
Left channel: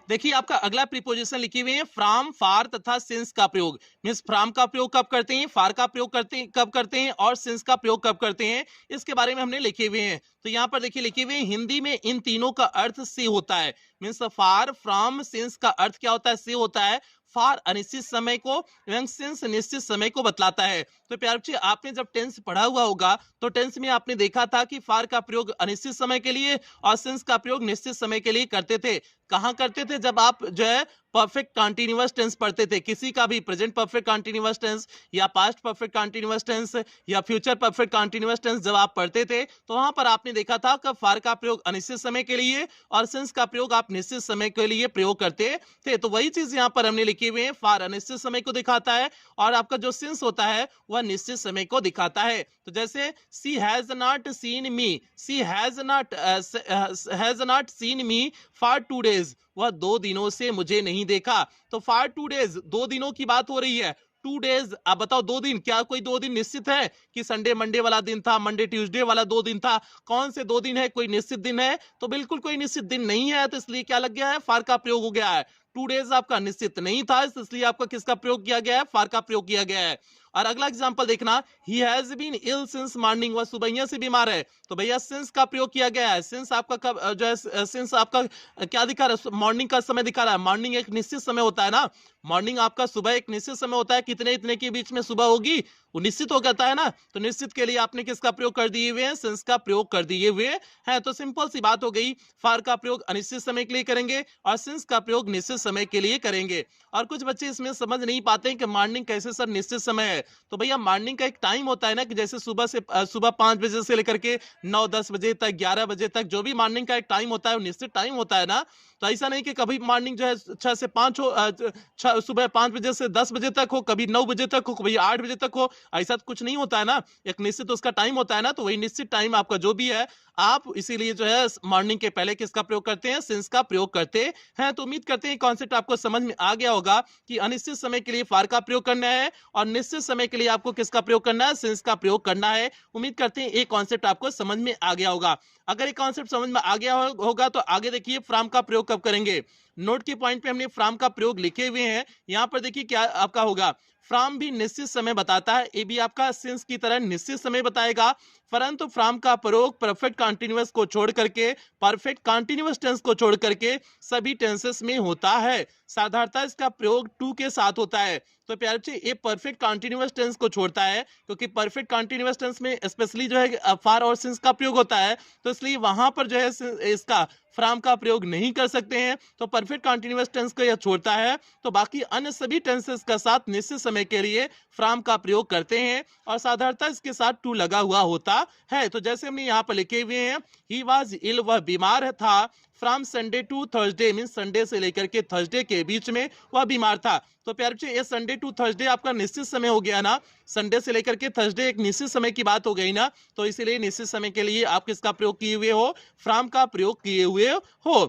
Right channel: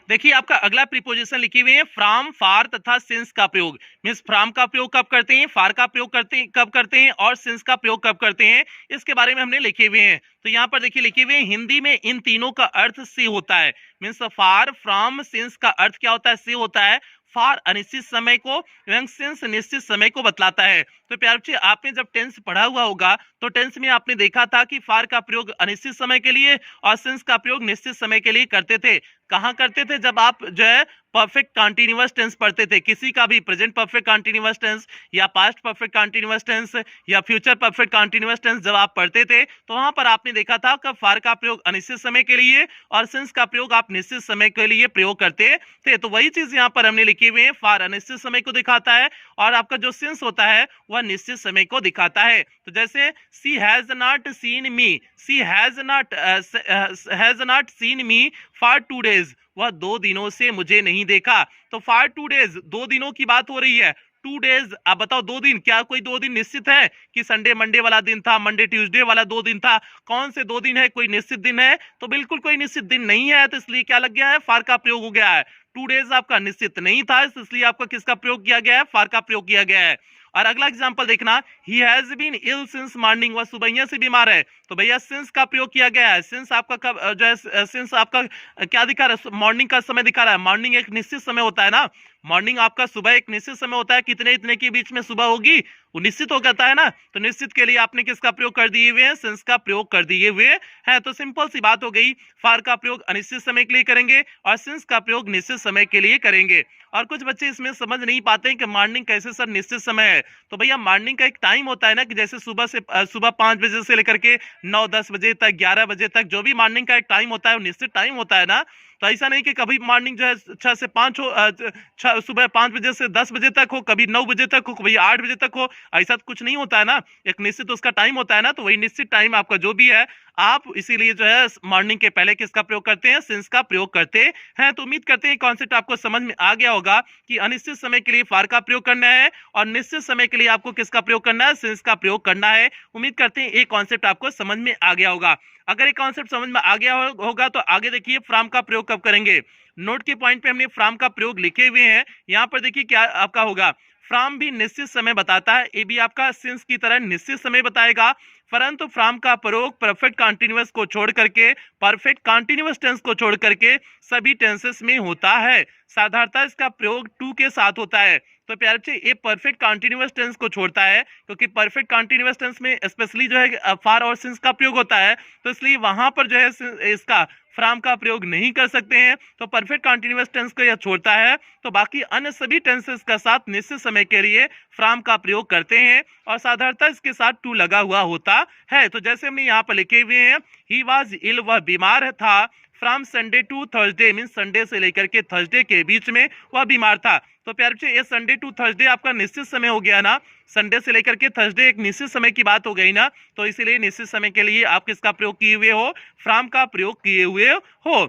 देखिए आपका अगला प्रीपोजिशन लिखे हुए हैं फ्रॉम, फॉर तथा सिंस का प्रयोग। मींस फ्रॉम का प्रयोग कब करते हैं, फॉर का प्रयोग करते हैं कब करते हैं, और सिंस का प्रयोग कब करते हैं, इसके बारे में हमने लिखे हुए हैं। तो यहाँ पर देखिए लिखे हुए हैं, हिंदी में इन तीनों का अर्थ से होता है। मींस फॉर, फ्रॉम, सिंस का अर्थ क्या होता है? से होता है। फॉर अनिश्चित समय को एवं सिंस निश्चित समय को बतलाता है। तो प्यारे बच्चे आपने जब टेंस पढ़ा हुआ होगा तो टेंस में आपने देखा था कि फॉर का प्रयोग अनिश्चित समय के लिए और सिंस का प्रयोग निश्चित समय के लिए करते थे। कहां करते थे? जब आप जो है परफेक्ट कंटीन्यूअस टेंस पढ़ते थे, किसी का भी प्रेजेंट परफेक्ट कंटीन्यूअस टेंस या पास्ट परफेक्ट कंटीन्यूअस टेंस या फ्यूचर परफेक्ट कंटीन्यूअस टेंस जब आप पढ़ते थे, तो वहां पर आपने देखा था कि फॉर का प्रयोग अनिश्चित समय के लिए और सिंस का प्रयोग आप निश्चित समय के लिए प्रयोग करते थे। तो वही चीज यहाँ पर हमने लिखे हुए हैं, फॉर अनिश्चित समय को दिखाता है और आपका जो सिंस होता है वह निश्चित समय को दिखाता है। तो जैसे she has not seen me, she has not seen me for 2 days, वह 2 दिनों से मुझे नहीं देखा। तो फॉर 2 days 2 दिनों की बात हो रही है। 2 days, आप बताओ 2 दिन, क्या कोई 2 दिन निश्चित है कि संडे मंडे वाला दिन था, मंडे ट्यूसडे वाला 2 दिन था? कौन से 2 दिन है? कोई निश्चित दिन है? तो बिल्कुल कोई निश्चित दिन नहीं है। तो इसलिए क्या लग गया है? फॉर का प्रयोग हो गया है। 2 days आपका निश्चित नहीं था, इसलिए आपका किसका प्रयोग किया गया है? फॉर का प्रयोग किया गया है। और अगला एग्जांपल देखना, he has been ill since morning, वह सुबह से बीमार है। तो भैया सिंस का प्रयोग किया गया है। सिंस आपका कब जो है, सिंस आपका क्या दिखा रहा है? मॉर्निंग का समय दिखा रहा है। मॉर्निंग एक निश्चित समय होता है ना, मॉर्निंग आपका सुबह एक निश्चित समय होता है, कितने इतने के बीच में सुबह होगी वो निश्चित हो जाता है ना। तो निश्चित के लिए आपने किसका प्रयोग कर दिए हुए हैं? सिंस का प्रयोग कर दिए हुए हैं। तो सिंपल सी बात हो गई, फॉर का प्रयोग अनिश्चित समय के लिए करेंगे और सिंस का प्रयोग निश्चित समय के लिए करेंगे। और कुछ बच्चे इसमें समझ नहीं पाते हैं कि मॉर्निंग कैसे सर निश्चित समय है। तो भैया मॉर्निंग का एक टाइम होता है ना, कि जैसे सुबह 5 बजे से लेकर के 9-10 बजे तक, 11 बजे तक, जो भी मॉर्निंग का एक टाइम होता है वो निश्चित टाइम होता है ना। तो ऐसा नहीं कि कभी मॉर्निंग जो है 6 से 5 हो, सुबह 5 बजे से 10 बजे तक हो, कभी 9 बजे तक हो, कभी 8 बजे तक हो, ऐसा कुछ नहीं होता है ना। एक निश्चित उसका टाइम होता है ना। तो वही निश्चित टाइम आपका जो भी है, आप इसीलिए जो है मॉर्निंग के पहले किसका प्रयोग करते हैं? सिंस का प्रयोग करते हैं। तो उम्मीद करते हैं कॉन्सेप्ट आपको समझ में आ गया होगा कि अनिश्चित समय के लिए फॉर का प्रयोग करना है और निश्चित समय के लिए आपको किसका प्रयोग करना है? सिंस का प्रयोग करना है। उम्मीद करते हैं ये कॉन्सेप्ट आपको समझ में आ गया होगा। अगर ये कॉन्सेप्ट समझ में आ गया होगा तो आगे देखिए फ्रॉम का प्रयोग कब करेंगे। नोट के पॉइंट पे हमने फ्रॉम का प्रयोग लिखे हुए हैं। यहां पर देखिए क्या आपका होगा, फ्रॉम भी निश्चित समय बताता है, ये भी आपका सिंस की तरह निश्चित समय बताएगा, परंतु फ्रॉम का प्रयोग परफेक्ट कंटीन्यूअस को छोड़ करके, परफेक्ट कंटीन्यूअस टेंस को छोड़ करके सभी टेंसेस में होता है। साधारणतः इसका प्रयोग टू के साथ होता है। तो प्यारे बच्चे ये परफेक्ट कंटीन्यूअस टेंस को छोड़ता है, क्योंकि परफेक्ट कंटीन्यूअस टेंस में स्पेशली जो है फॉर और सिंस का प्रयोग होता है, तो इसलिए वहां पर जो है इसका फ्रॉम का प्रयोग नहीं कर सकते हैं। तो परफेक्ट कंटीन्यूअस टेंस को यह छोड़ता है, तो बाकी अन्य सभी टेंसेस का साथ निश्चित समय के लिए फ्रॉम का प्रयोग करते हैं, और साधारणतः इसके साथ टू लगा हुआ होता है। तो जैसे हमने यहाँ पर लिखे हुए हैं, ही वाज इल, वह बीमार था, from Sunday to Thursday, mean Sunday से लेकर के थर्सडे के बीच में वह बीमार था। तो प्यारे बच्चे ये संडे टू थर्सडे आपका निश्चित समय हो गया ना, संडे से लेकर के थर्सडे एक निश्चित समय की बात हो गई ना, तो इसीलिए निश्चित समय के लिए आप किसका प्रयोग किए हुए हो, फ्रॉम का प्रयोग किए हुए हो।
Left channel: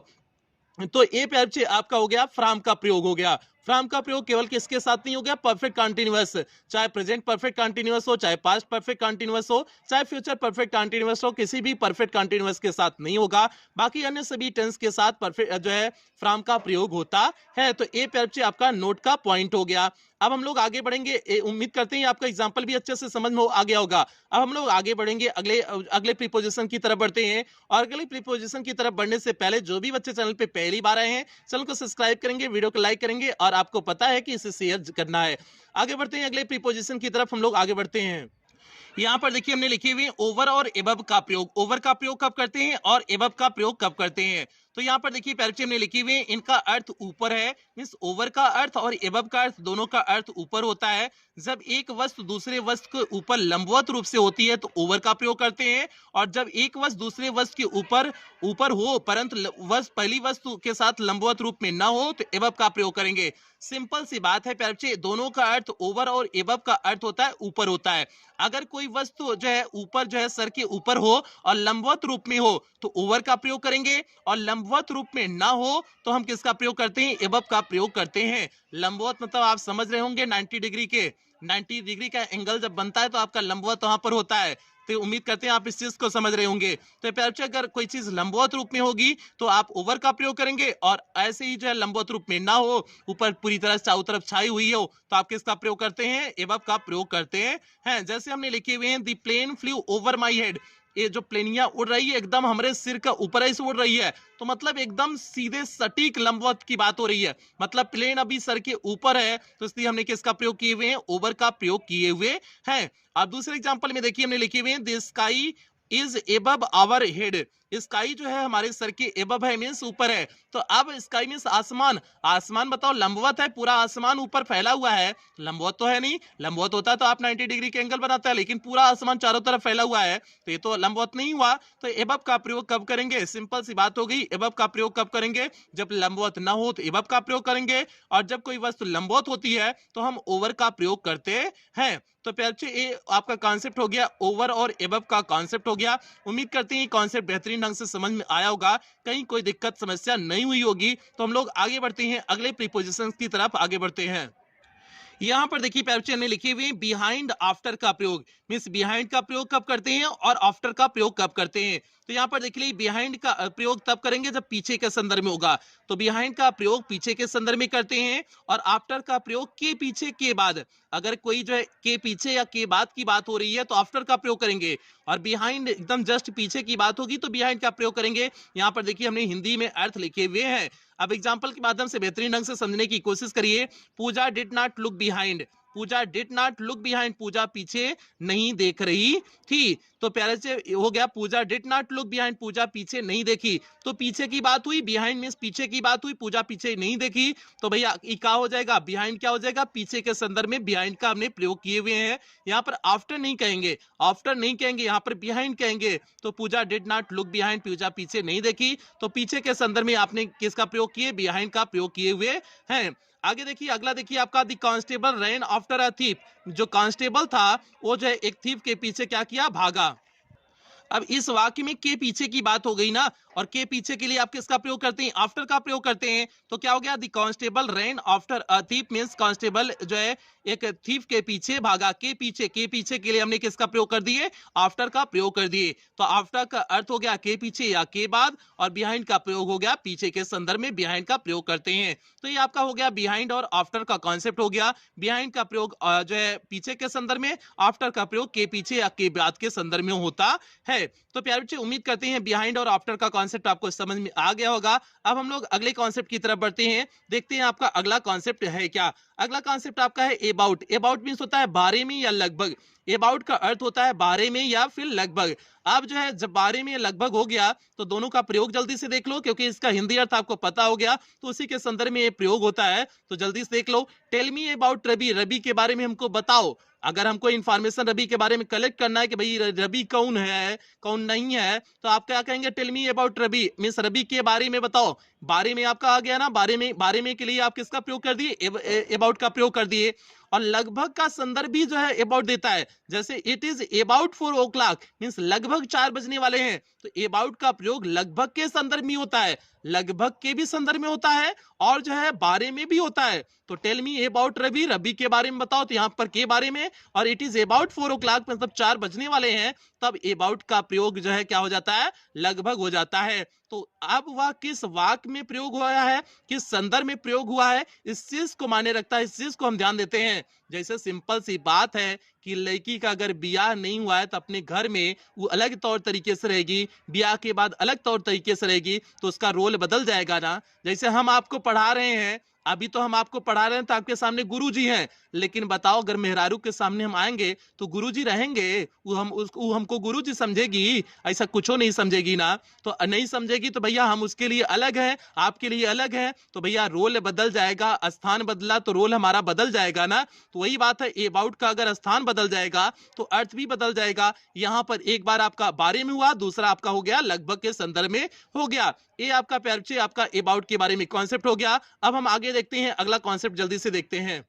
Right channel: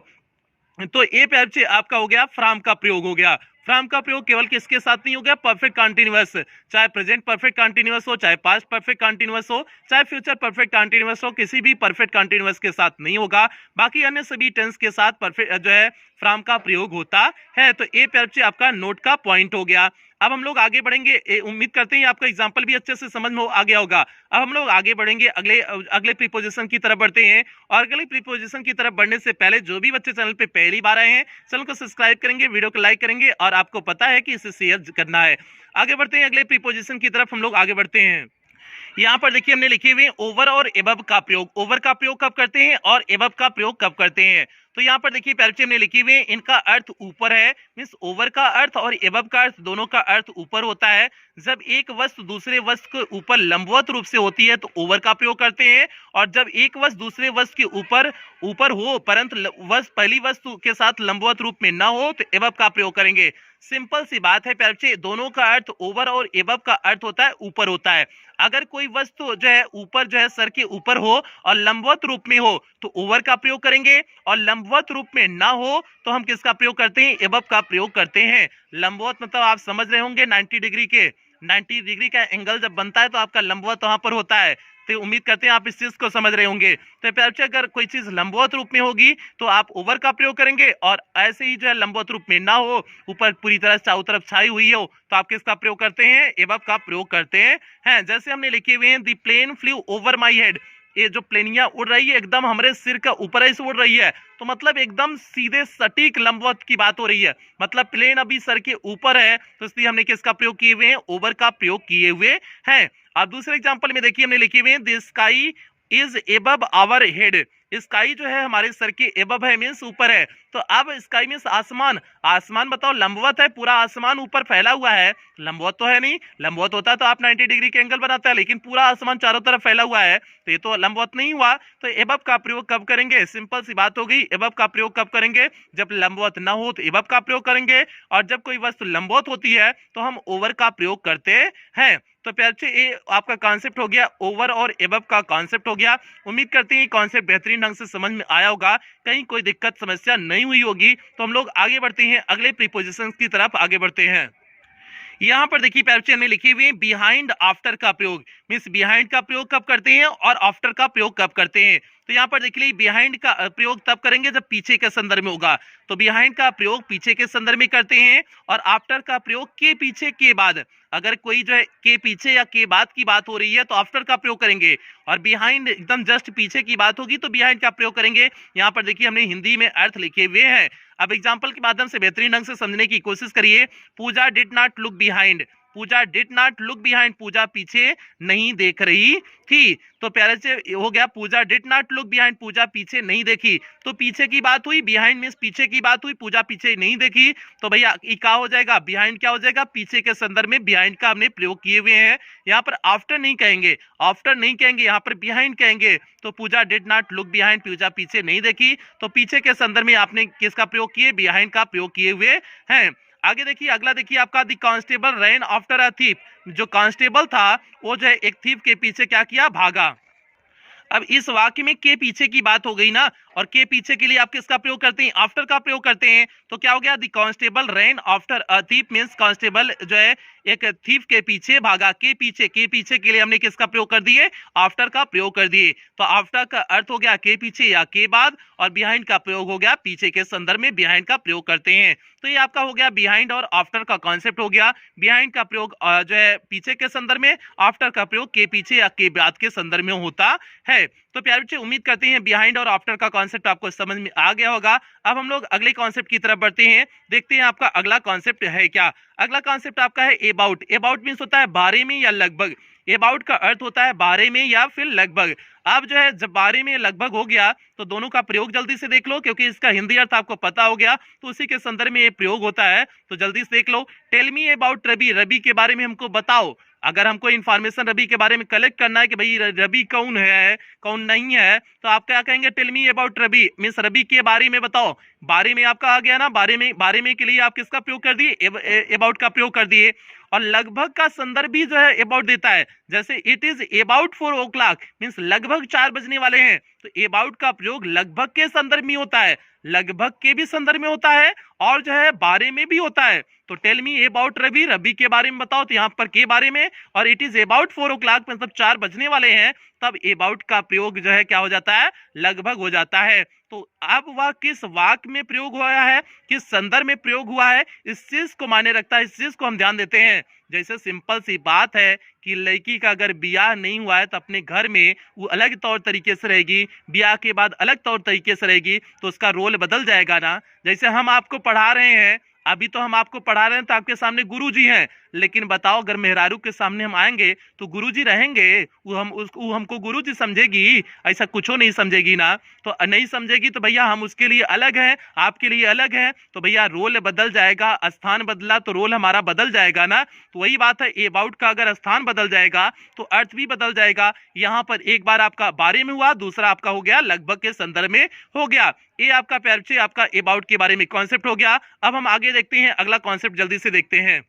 तो ये प्यारे बच्चे आपका हो गया फ्रॉम का प्रयोग हो गया। फ्रॉम का प्रयोग केवल किसके साथ नहीं हो गया, परफेक्ट कंटीन्यूअस, चाहे प्रेजेंट परफेक्ट कंटीन्यूअस हो, चाहे पास्ट परफेक्ट कंटीन्यूअस हो, चाहे फ्यूचर परफेक्ट कंटीन्यूअस हो, किसी भी परफेक्ट कंटीन्यूअस के साथ नहीं होगा। बाकी अन्य सभी टेंस के साथ परफेक्ट जो है फ्रॉम का प्रयोग होता है। तो ये प्यारे बच्चे आपका नोट का पॉइंट हो गया। अब हम लोग आगे बढ़ेंगे, उम्मीद करते हैं आपका एग्जाम्पल भी अच्छे से समझ में आ गया होगा। अब हम लोग आगे बढ़ेंगे, अगले प्रीपोजिशन की तरफ बढ़ते हैं, और अगले प्रीपोजिशन की तरफ बढ़ने से पहले जो भी बच्चे चैनल पे पहली बार आए हैं, चैनल को सब्सक्राइब करेंगे, वीडियो को लाइक करेंगे, और आपको पता है कि इसे शेयर करना है। आगे बढ़ते हैं, अगले प्रीपोजिशन की तरफ हम लोग आगे बढ़ते हैं। यहाँ पर देखिए हमने लिखे हुए ओवर और एबव का प्रयोग। ओवर का प्रयोग कब करते हैं और एबव का प्रयोग कब करते हैं? तो यहाँ पर देखिए प्यारे बच्चे हमने लिखे हुए इनका अर्थ ऊपर है, मींस ओवर का अर्थ और एबव का अर्थ दोनों का अर्थ ऊपर होता है। जब एक वस्तु दूसरे वस्तु के ऊपर लंबवत रूप से होती है तो ओवर का प्रयोग करते हैं, और जब एक वस्तु दूसरे वस्तु के ऊपर हो परंतु पहली वस्तु के साथ लंबवत रूप में ना हो तो एबव का प्रयोग करेंगे। सिंपल सी बात है प्यारे बच्चे, दोनों का अर्थ ओवर और एबव का अर्थ होता है ऊपर होता है। अगर कोई वस्तु जो है ऊपर जो है सर के ऊपर हो और लंबवत रूप में हो तो ओवर का प्रयोग करेंगे, और लंबवत रूप में ना हो तो हम किसका प्रयोग करते हैं, एबव का प्रयोग करते हैं। लंबवत मतलब आप समझ रहे होंगे 90 डिग्री के, 90 डिग्री का एंगल जब बनता है तो आपका लंबवत वहां पर होता है। तो उम्मीद करते हैं आप इस चीज को समझ रहे होंगे। तो प्यारे बच्चे अगर कोई चीज लंबवत रूप में होगी तो आप ओवर का प्रयोग करेंगे, और ऐसे ही जो है लंबवत रूप में ना हो, ऊपर पूरी तरह चारों तरफ छाई हुई हो, तो आप किसका प्रयोग करते हैं, एबव का प्रयोग करते हैं। जैसे हमने लिखे हुए हैं the plane flew over my head, ये जो प्लेनिया उड़ रही है एकदम हमारे सिर का ऊपर ऐसे उड़ रही है, तो मतलब एकदम सीधे सटीक लंबवत की बात हो रही है, मतलब प्लेन अभी सर के ऊपर है, तो इसलिए हमने किसका प्रयोग किए हुए हैं, ओवर का प्रयोग किए हुए हैं। अब दूसरे एग्जांपल में देखिए हमने लिखे हुए हैं the sky is above our head, sky जो है हमारे सर के एबव है, मींस ऊपर है। तो अब स्काई मींस आसमान, आसमान बताओ लंबवत है, पूरा आसमान ऊपर फैला हुआ है, लंबवत तो है नहीं, लंबवत होता तो आप 90 डिग्री के एंगल बनाता है, लेकिन पूरा आसमान चारों तरफ फैला हुआ है, तो ये तो लंबवत नहीं हुआ। तो एबव का प्रयोग कब करेंगे, सिंपल सी बात हो गई, एबव का प्रयोग कब करेंगे, जब लंबवत ना हो तो एबव का प्रयोग करेंगे, और जब कोई वस्तु लंबवत होती है तो हम ओवर का प्रयोग करते हैं। तो प्यारे बच्चे ये आपका कॉन्सेप्ट हो गया, ओवर और एबव का कॉन्सेप्ट हो गया। उम्मीद करते हैं कॉन्सेप्ट बेहतरीन ढंग से समझ में आया होगा, कहीं कोई दिक्कत समस्या नहीं हुई होगी। तो हम लोग आगे बढ़ते हैं, अगले प्रीपोजिशंस की तरफ आगे बढ़ते हैं। यहाँ पर देखिए प्यारे बच्चे हमने लिखी हुई बिहाइंड आफ्टर का प्रयोग, मींस बिहाइंड का प्रयोग कब करते हैं और आफ्टर का प्रयोग कब करते हैं। तो यहाँ पर देख लीजिए बिहाइंड का प्रयोग तब करेंगे जब पीछे के संदर्भ में होगा, तो बिहाइंड का प्रयोग पीछे के संदर्भ में करते हैं, और आफ्टर का प्रयोग के पीछे के बाद, अगर कोई जो है के पीछे या के बाद की बात हो रही है तो आफ्टर का प्रयोग करेंगे, और बिहाइंड एकदम जस्ट पीछे की बात होगी तो बिहाइंड का प्रयोग करेंगे। यहाँ पर देखिए हमने हिंदी में अर्थ लिखे हुए हैं, अब एग्जाम्पल के माध्यम से बेहतरीन ढंग से समझने की कोशिश करिए। Pooja did not look behind, Pooja did not look behind, Pooja पीछे नहीं देख रही थी। तो प्यारे से हो गया पूजा did not look behind, Pooja पीछे नहीं देखी, तो पीछे की बात हुई, बिहाइंड मींस पीछे की बात हुई, पूजा पीछे नहीं देखी, तो भैया क्या हो जाएगा, बिहाइंड क्या हो जाएगा, पीछे के संदर्भ में बिहाइंड का हमने प्रयोग किए हुए हैं। यहाँ पर आफ्टर नहीं कहेंगे, आफ्टर नहीं कहेंगे, यहाँ पर बिहाइंड कहेंगे। तो पूजा did not look behind, Pooja पीछे नहीं देखी, तो पीछे के संदर्भ में आपने किसका प्रयोग किए, बिहाइंड का प्रयोग किए हुए हैं। आगे देखिए अगला देखिए आपका the constable rain after a thief, जो कांस्टेबल था वो जो है एक थीफ के पीछे क्या किया, भागा। अब इस वाक्य में के पीछे की बात हो गई ना, और के पीछे के लिए आप किसका प्रयोग करते हैं, आफ्टर का प्रयोग करते हैं। तो क्या हो गया, the constable rain after a thief means constable जो है एक थीफ के पीछे भागा। के पीछे के लिए हमने किसका प्रयोग कर दिए, आफ्टर का प्रयोग कर दिए। तो आफ्टर का अर्थ हो गया के पीछे या के बाद, और बिहाइंड का प्रयोग हो गया पीछे के संदर्भ में बिहाइंड का प्रयोग करते हैं। तो ये आपका हो गया बिहाइंड और आफ्टर का कॉन्सेप्ट हो गया। बिहाइंड का प्रयोग जो है पीछे के संदर्भ में, आफ्टर का प्रयोग के पीछे या के बाद के संदर्भ में होता है। तो प्यारे बच्चे उम्मीद करते हैं बिहाइंड और आफ्टर का कॉन्सेप्ट आपको समझ में आ गया होगा। अब हम लोग अगले कॉन्सेप्ट की तरफ बढ़ते हैं, देखते हैं आपका अगला कॉन्सेप्ट है क्या। अगला कॉन्सेप्ट आपका है अबाउट। अबाउट मींस होता है बारे में या लगभग। अबाउट का अर्थ होता है बारे में या फिर लगभग। अब जो है जब बारे में लगभग हो गया तो दोनों का प्रयोग जल्दी से देख लो, क्योंकि इसका हिंदी अर्थ आपको पता हो गया तो उसी के संदर्भ में ये प्रयोग होता है। तो जल्दी से देख लो, tell me about Ravi. Ravi के बारे में हमको बताओ। अगर हमको इंफॉर्मेशन रवि के बारे में कलेक्ट करना है कि भाई रवि कौन है कौन नहीं है, तो आप क्या कहेंगे, tell me about Ravi means Ravi के बारे में बताओ। बारे में आपका आ गया ना, बारे में के लिए आप किसका प्रयोग कर दिए, अबाउट का प्रयोग कर दिए। और लगभग का संदर्भ भी जो है अबाउट देता है, जैसे it is about 4 o'clock means लगभग 4 बजने वाले हैं। तो अबाउट का प्रयोग लगभग के संदर्भ में होता है, लगभग के भी संदर्भ में होता है और जो है बारे में भी होता है। तो tell me about Ravi, Ravi के बारे में बताओ, तो यहाँ पर के बारे में, और इट इज अबाउट 4 o'clock मतलब 4 बजने वाले हैं, तब अबाउट का प्रयोग जो है क्या हो जाता है, लगभग हो जाता है। तो अब वह किस वाक्य में प्रयोग हुआ है, किस संदर्भ में प्रयोग हुआ है, इस चीज को मायने रखता है, इस चीज को हम ध्यान देते हैं। जैसे सिंपल सी बात है कि लड़की का अगर ब्याह नहीं हुआ है तो अपने घर में वो अलग तौर तरीके से रहेगी, ब्याह के बाद अलग तौर तरीके से रहेगी, तो उसका रोल बदल जाएगा ना। जैसे हम आपको पढ़ा रहे हैं, अभी तो हम आपको पढ़ा रहे हैं तो आपके सामने गुरुजी हैं, लेकिन बताओ अगर मेहरारू के सामने हम आएंगे तो गुरुजी रहेंगे, वो हमको गुरुजी समझेगी, ऐसा कुछ नहीं समझेगी ना। तो नहीं समझेगी तो भैया हम उसके लिए अलग हैं, आपके लिए अलग हैं, तो भैया रोल बदल जाएगा, स्थान बदला तो रोल हमारा बदल जाएगा ना। तो वही बात है, अबाउट का अगर स्थान बदल जाएगा तो अर्थ भी बदल जाएगा। यहाँ पर एक बार आपका बारे में हुआ, दूसरा आपका हो गया लगभग के संदर्भ में हो गया। ये आपका प्यारे बच्चे आपका अबाउट के बारे में कॉन्सेप्ट हो गया। अब हम आगे देखते हैं अगला कॉन्सेप्ट, जल्दी से देखते हैं।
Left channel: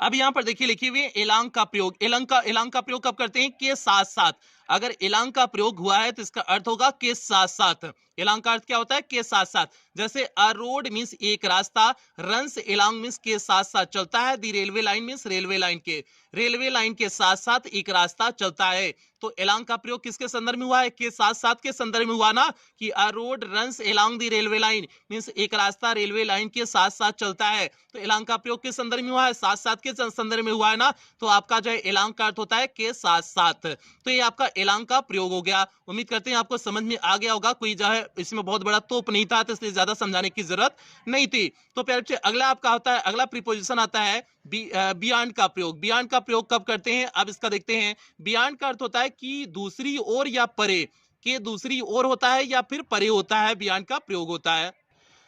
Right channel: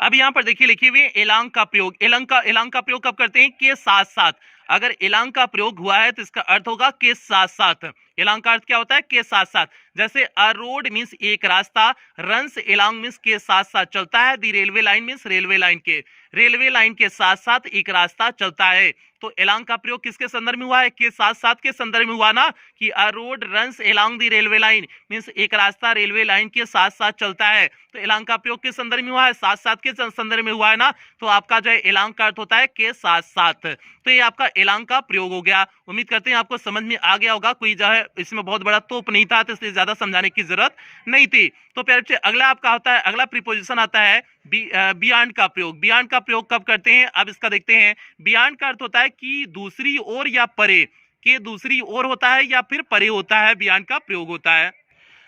अब यहाँ पर देखिए लिखे हुए एलांग का प्रयोग। एलांग का प्रयोग कब करते हैं, के साथ साथ। अगर एलांग का प्रयोग हुआ है तो इसका अर्थ होगा के साथ साथ। एलांग का अर्थ क्या होता है, के साथ साथ। जैसे अ रोड मींस एक रास्ता, रन्स एलांग मींस के साथ साथ चलता है, the railway line means railway line के साथ साथ एक रास्ता चलता है। तो एलांग का प्रयोग किसके संदर्भ में हुआ है, के साथ साथ के संदर्भ में हुआ ना, कि अ रोड रन्स एलांग दी रेलवे लाइन मींस एक रास्ता रेलवे लाइन के साथ साथ चलता है। तो एलांग का प्रयोग किस संदर्भ में हुआ है, साथ साथ के संदर्भ में हुआ है ना। तो आपका जो है एलांग का अर्थ होता है के साथ साथ। तो ये आपका एलांग का प्रयोग हो गया। उम्मीद करते हैं आपको समझ में आ गया होगा, कोई जो है इसमें बहुत बड़ा तोप नहीं था तो इसलिए ज्यादा समझाने की जरूरत नहीं थी। तो प्यारे बच्चे अगला आपका होता है, अगला प्रीपोजिशन आता है बियॉन्ड का प्रयोग। बियॉन्ड का प्रयोग कब करते हैं, अब इसका देखते हैं। बियॉन्ड का अर्थ होता है कि दूसरी ओर या परे, के दूसरी ओर होता है या फिर परे होता है, बियॉन्ड का प्रयोग होता है।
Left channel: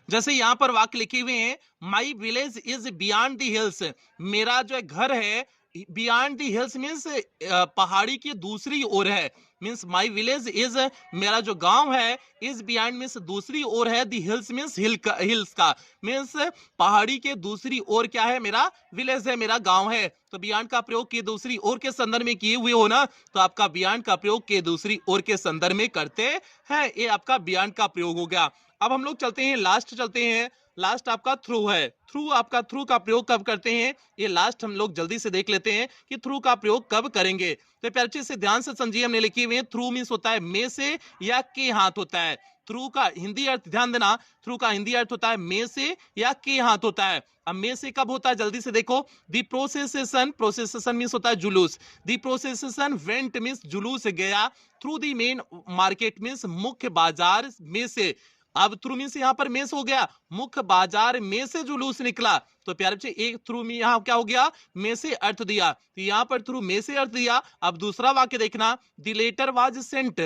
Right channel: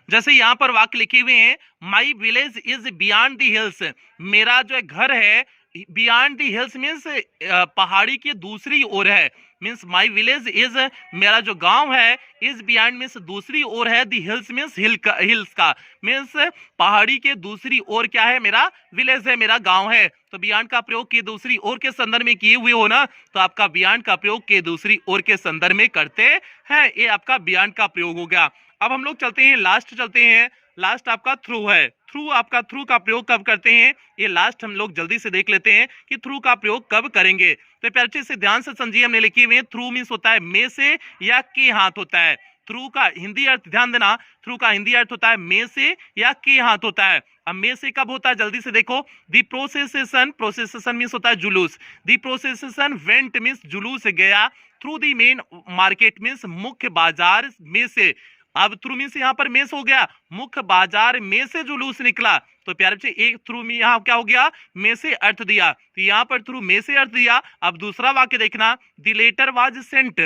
जैसे यहाँ पर वाक्य लिखे हुए हैं, my village is beyond the hills, मेरा जो घर है बियॉन्ड द हिल्स मीन्स पहाड़ी की दूसरी ओर है। मीन्स माई विलेज इज, मेरा जो गांव है, इज बियॉन्ड मीन्स दूसरी ओर है, द हिल्स मीन्स हिल्स का मीन्स पहाड़ी के दूसरी ओर क्या है, मेरा विलेज है, मेरा गांव है। तो बियॉन्ड का प्रयोग के दूसरी ओर के संदर्भ में किए हुए हो ना, तो आपका बियॉन्ड का प्रयोग के दूसरी ओर के संदर्भ में करते हैं। ये आपका बियॉन्ड का प्रयोग हो गया। अब हम लोग चलते हैं लास्ट, चलते हैं लास्ट आपका थ्रू है। थ्रू आपका थ्रू का प्रयोग कब करते हैं, ये लास्ट हम लोग जल्दी से देख लेते हैं कि थ्रू का प्रयोग कब करेंगे। तो प्यारे से ध्यान से समझिए, हमने लिखे हुए हैं थ्रू मींस होता है में से या के हाथ होता है। थ्रू का हिंदी अर्थ ध्यान देना, थ्रू का हिंदी अर्थ होता है में से या के हाथ होता है। अब में से कब होता है, जल्दी से देखो। दी प्रोसेसेशन, प्रोसेसेशन मींस होता है जुलूस। दी प्रोसेसेशन वेंट मींस जुलूस गया, through the main market means मुख्य बाजार में से। अब थ्रू मींस यहाँ पर में से हो गया, मुख्य बाजार में से जुलूस निकला। तो प्यारे बच्चे एक थ्रू में यहाँ क्या हो गया, में से अर्थ दिया, तो यहाँ पर थ्रू में से अर्थ दिया। अब दूसरा वाक्य देखना, the letter was sent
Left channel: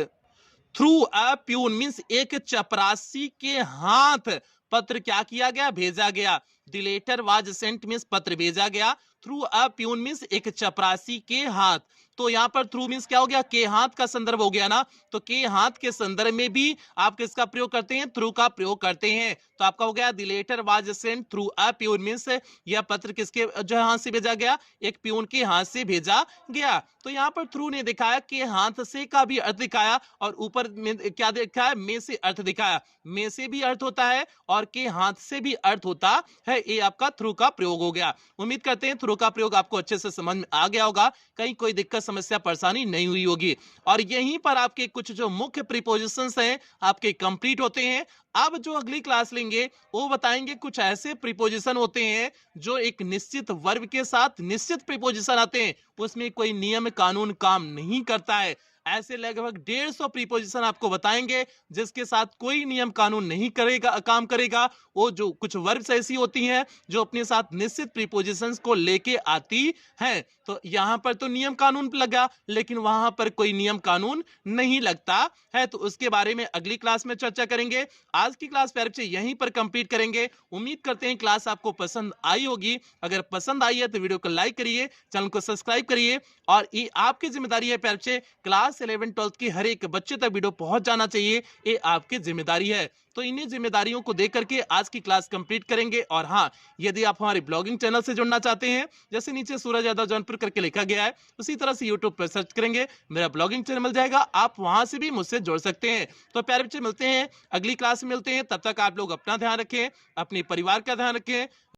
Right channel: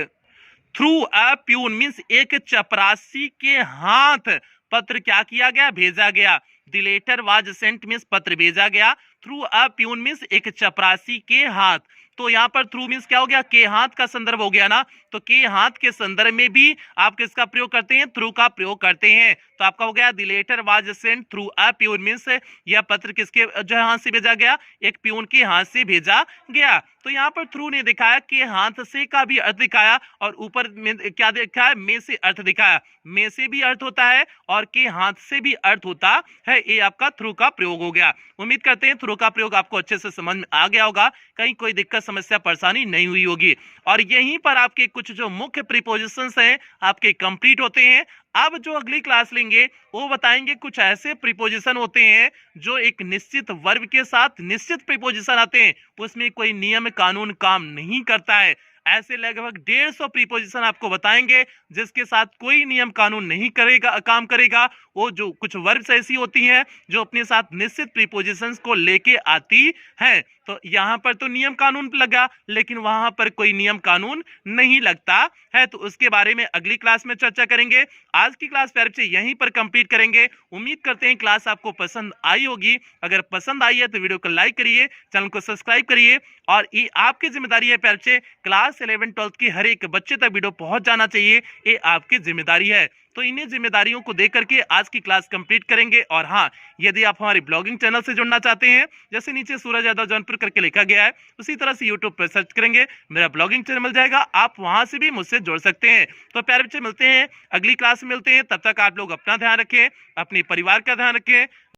through a peon means एक चपरासी के हाथ पत्र क्या किया गया, भेजा गया। The letter was sent means पत्र भेजा गया, थ्रू अ प्यून मींस एक चपरासी के हाथ। तो यहाँ पर थ्रू मीन्स क्या हो गया, के हाथ का संदर्भ हो गया ना, तो के हाथ के संदर्भ में भी आप किसका प्रयोग करते हैं, थ्रू का प्रयोग करते हैं। तो आपका हो गया the letter was sent through a peon, means यह पत्र किसके जो हाथ से भेजा गया, एक प्यून के हाथ से भेजा गया। तो यहाँ पर थ्रू ने दिखाया कि हाथ से का भी अर्थ दिखाया और ऊपर में क्या दिखाया, में से अर्थ दिखाया। में से भी अर्थ होता है और के हाथ से भी अर्थ होता है, ये आपका थ्रू का प्रयोग हो गया। उम्मीद करते हैं थ्रू का प्रयोग आपको अच्छे से समझ में आ गया होगा, कहीं कोई दिक्कत समस्या परेशानी नहीं हुई होगी। और यहीं पर आपके कुछ जो मुख्य प्रीपोजिशंस हैं आपके कंप्लीट होते हैं। अब जो अगली क्लास लेंगे वो बताएंगे कुछ ऐसे प्रीपोजिशन होते हैं जो एक निश्चित वर्ब के साथ निश्चित प्रीपोजिशन आते हैं, उसमें कोई नियम कानून काम नहीं करता है। ऐसे लगभग 150 प्रीपोजिशन आपको बताएंगे जिसके साथ कोई नियम कानून नहीं करेगा, काम करेगा। वो जो कुछ वर्ब्स ऐसी होती हैं जो अपने साथ निश्चित प्रीपोजिशंस को लेके आती हैं। तो यहाँ पर तो नियम कानून लगा, लेकिन वहां पर कोई नियम कानून नहीं लगता है। तो उसके बारे में अगली क्लास में चर्चा करेंगे। आज की क्लास प्यारे बच्चे यहीं पर कंप्लीट करेंगे। उम्मीद करते हैं क्लास आपको पसंद आई होगी। अगर पसंद आई है तो वीडियो को लाइक करिए, चैनल को सब्सक्राइब करिए। और ये आपकी जिम्मेदारी है प्यारे बच्चे, क्लास 11-12 की हर एक बच्चे तक वीडियो पहुंच जाना चाहिए, ये आपकी जिम्मेदारी है। तो इन्हीं जिम्मेदारियों को देख करके आज की क्लास कंप्लीट करेंगे। और हाँ, यदि आप हमारे ब्लॉगिंग चैनल से जुड़ना चाहते हैं, जैसे नीचे सूरज यादव जौनपुर करके लिखा गया है, उसी तरह से यूट्यूब पर सर्च करेंगे, मेरा ब्लॉगिंग चैनल मिल जाएगा, आप वहां से भी मुझसे जुड़ सकते हैं। तो प्यारे बच्चे मिलते हैं अगली क्लास में, मिलते हैं, तब तक आप लोग अपना ध्यान रखें, अपने परिवार का ध्यान रखें।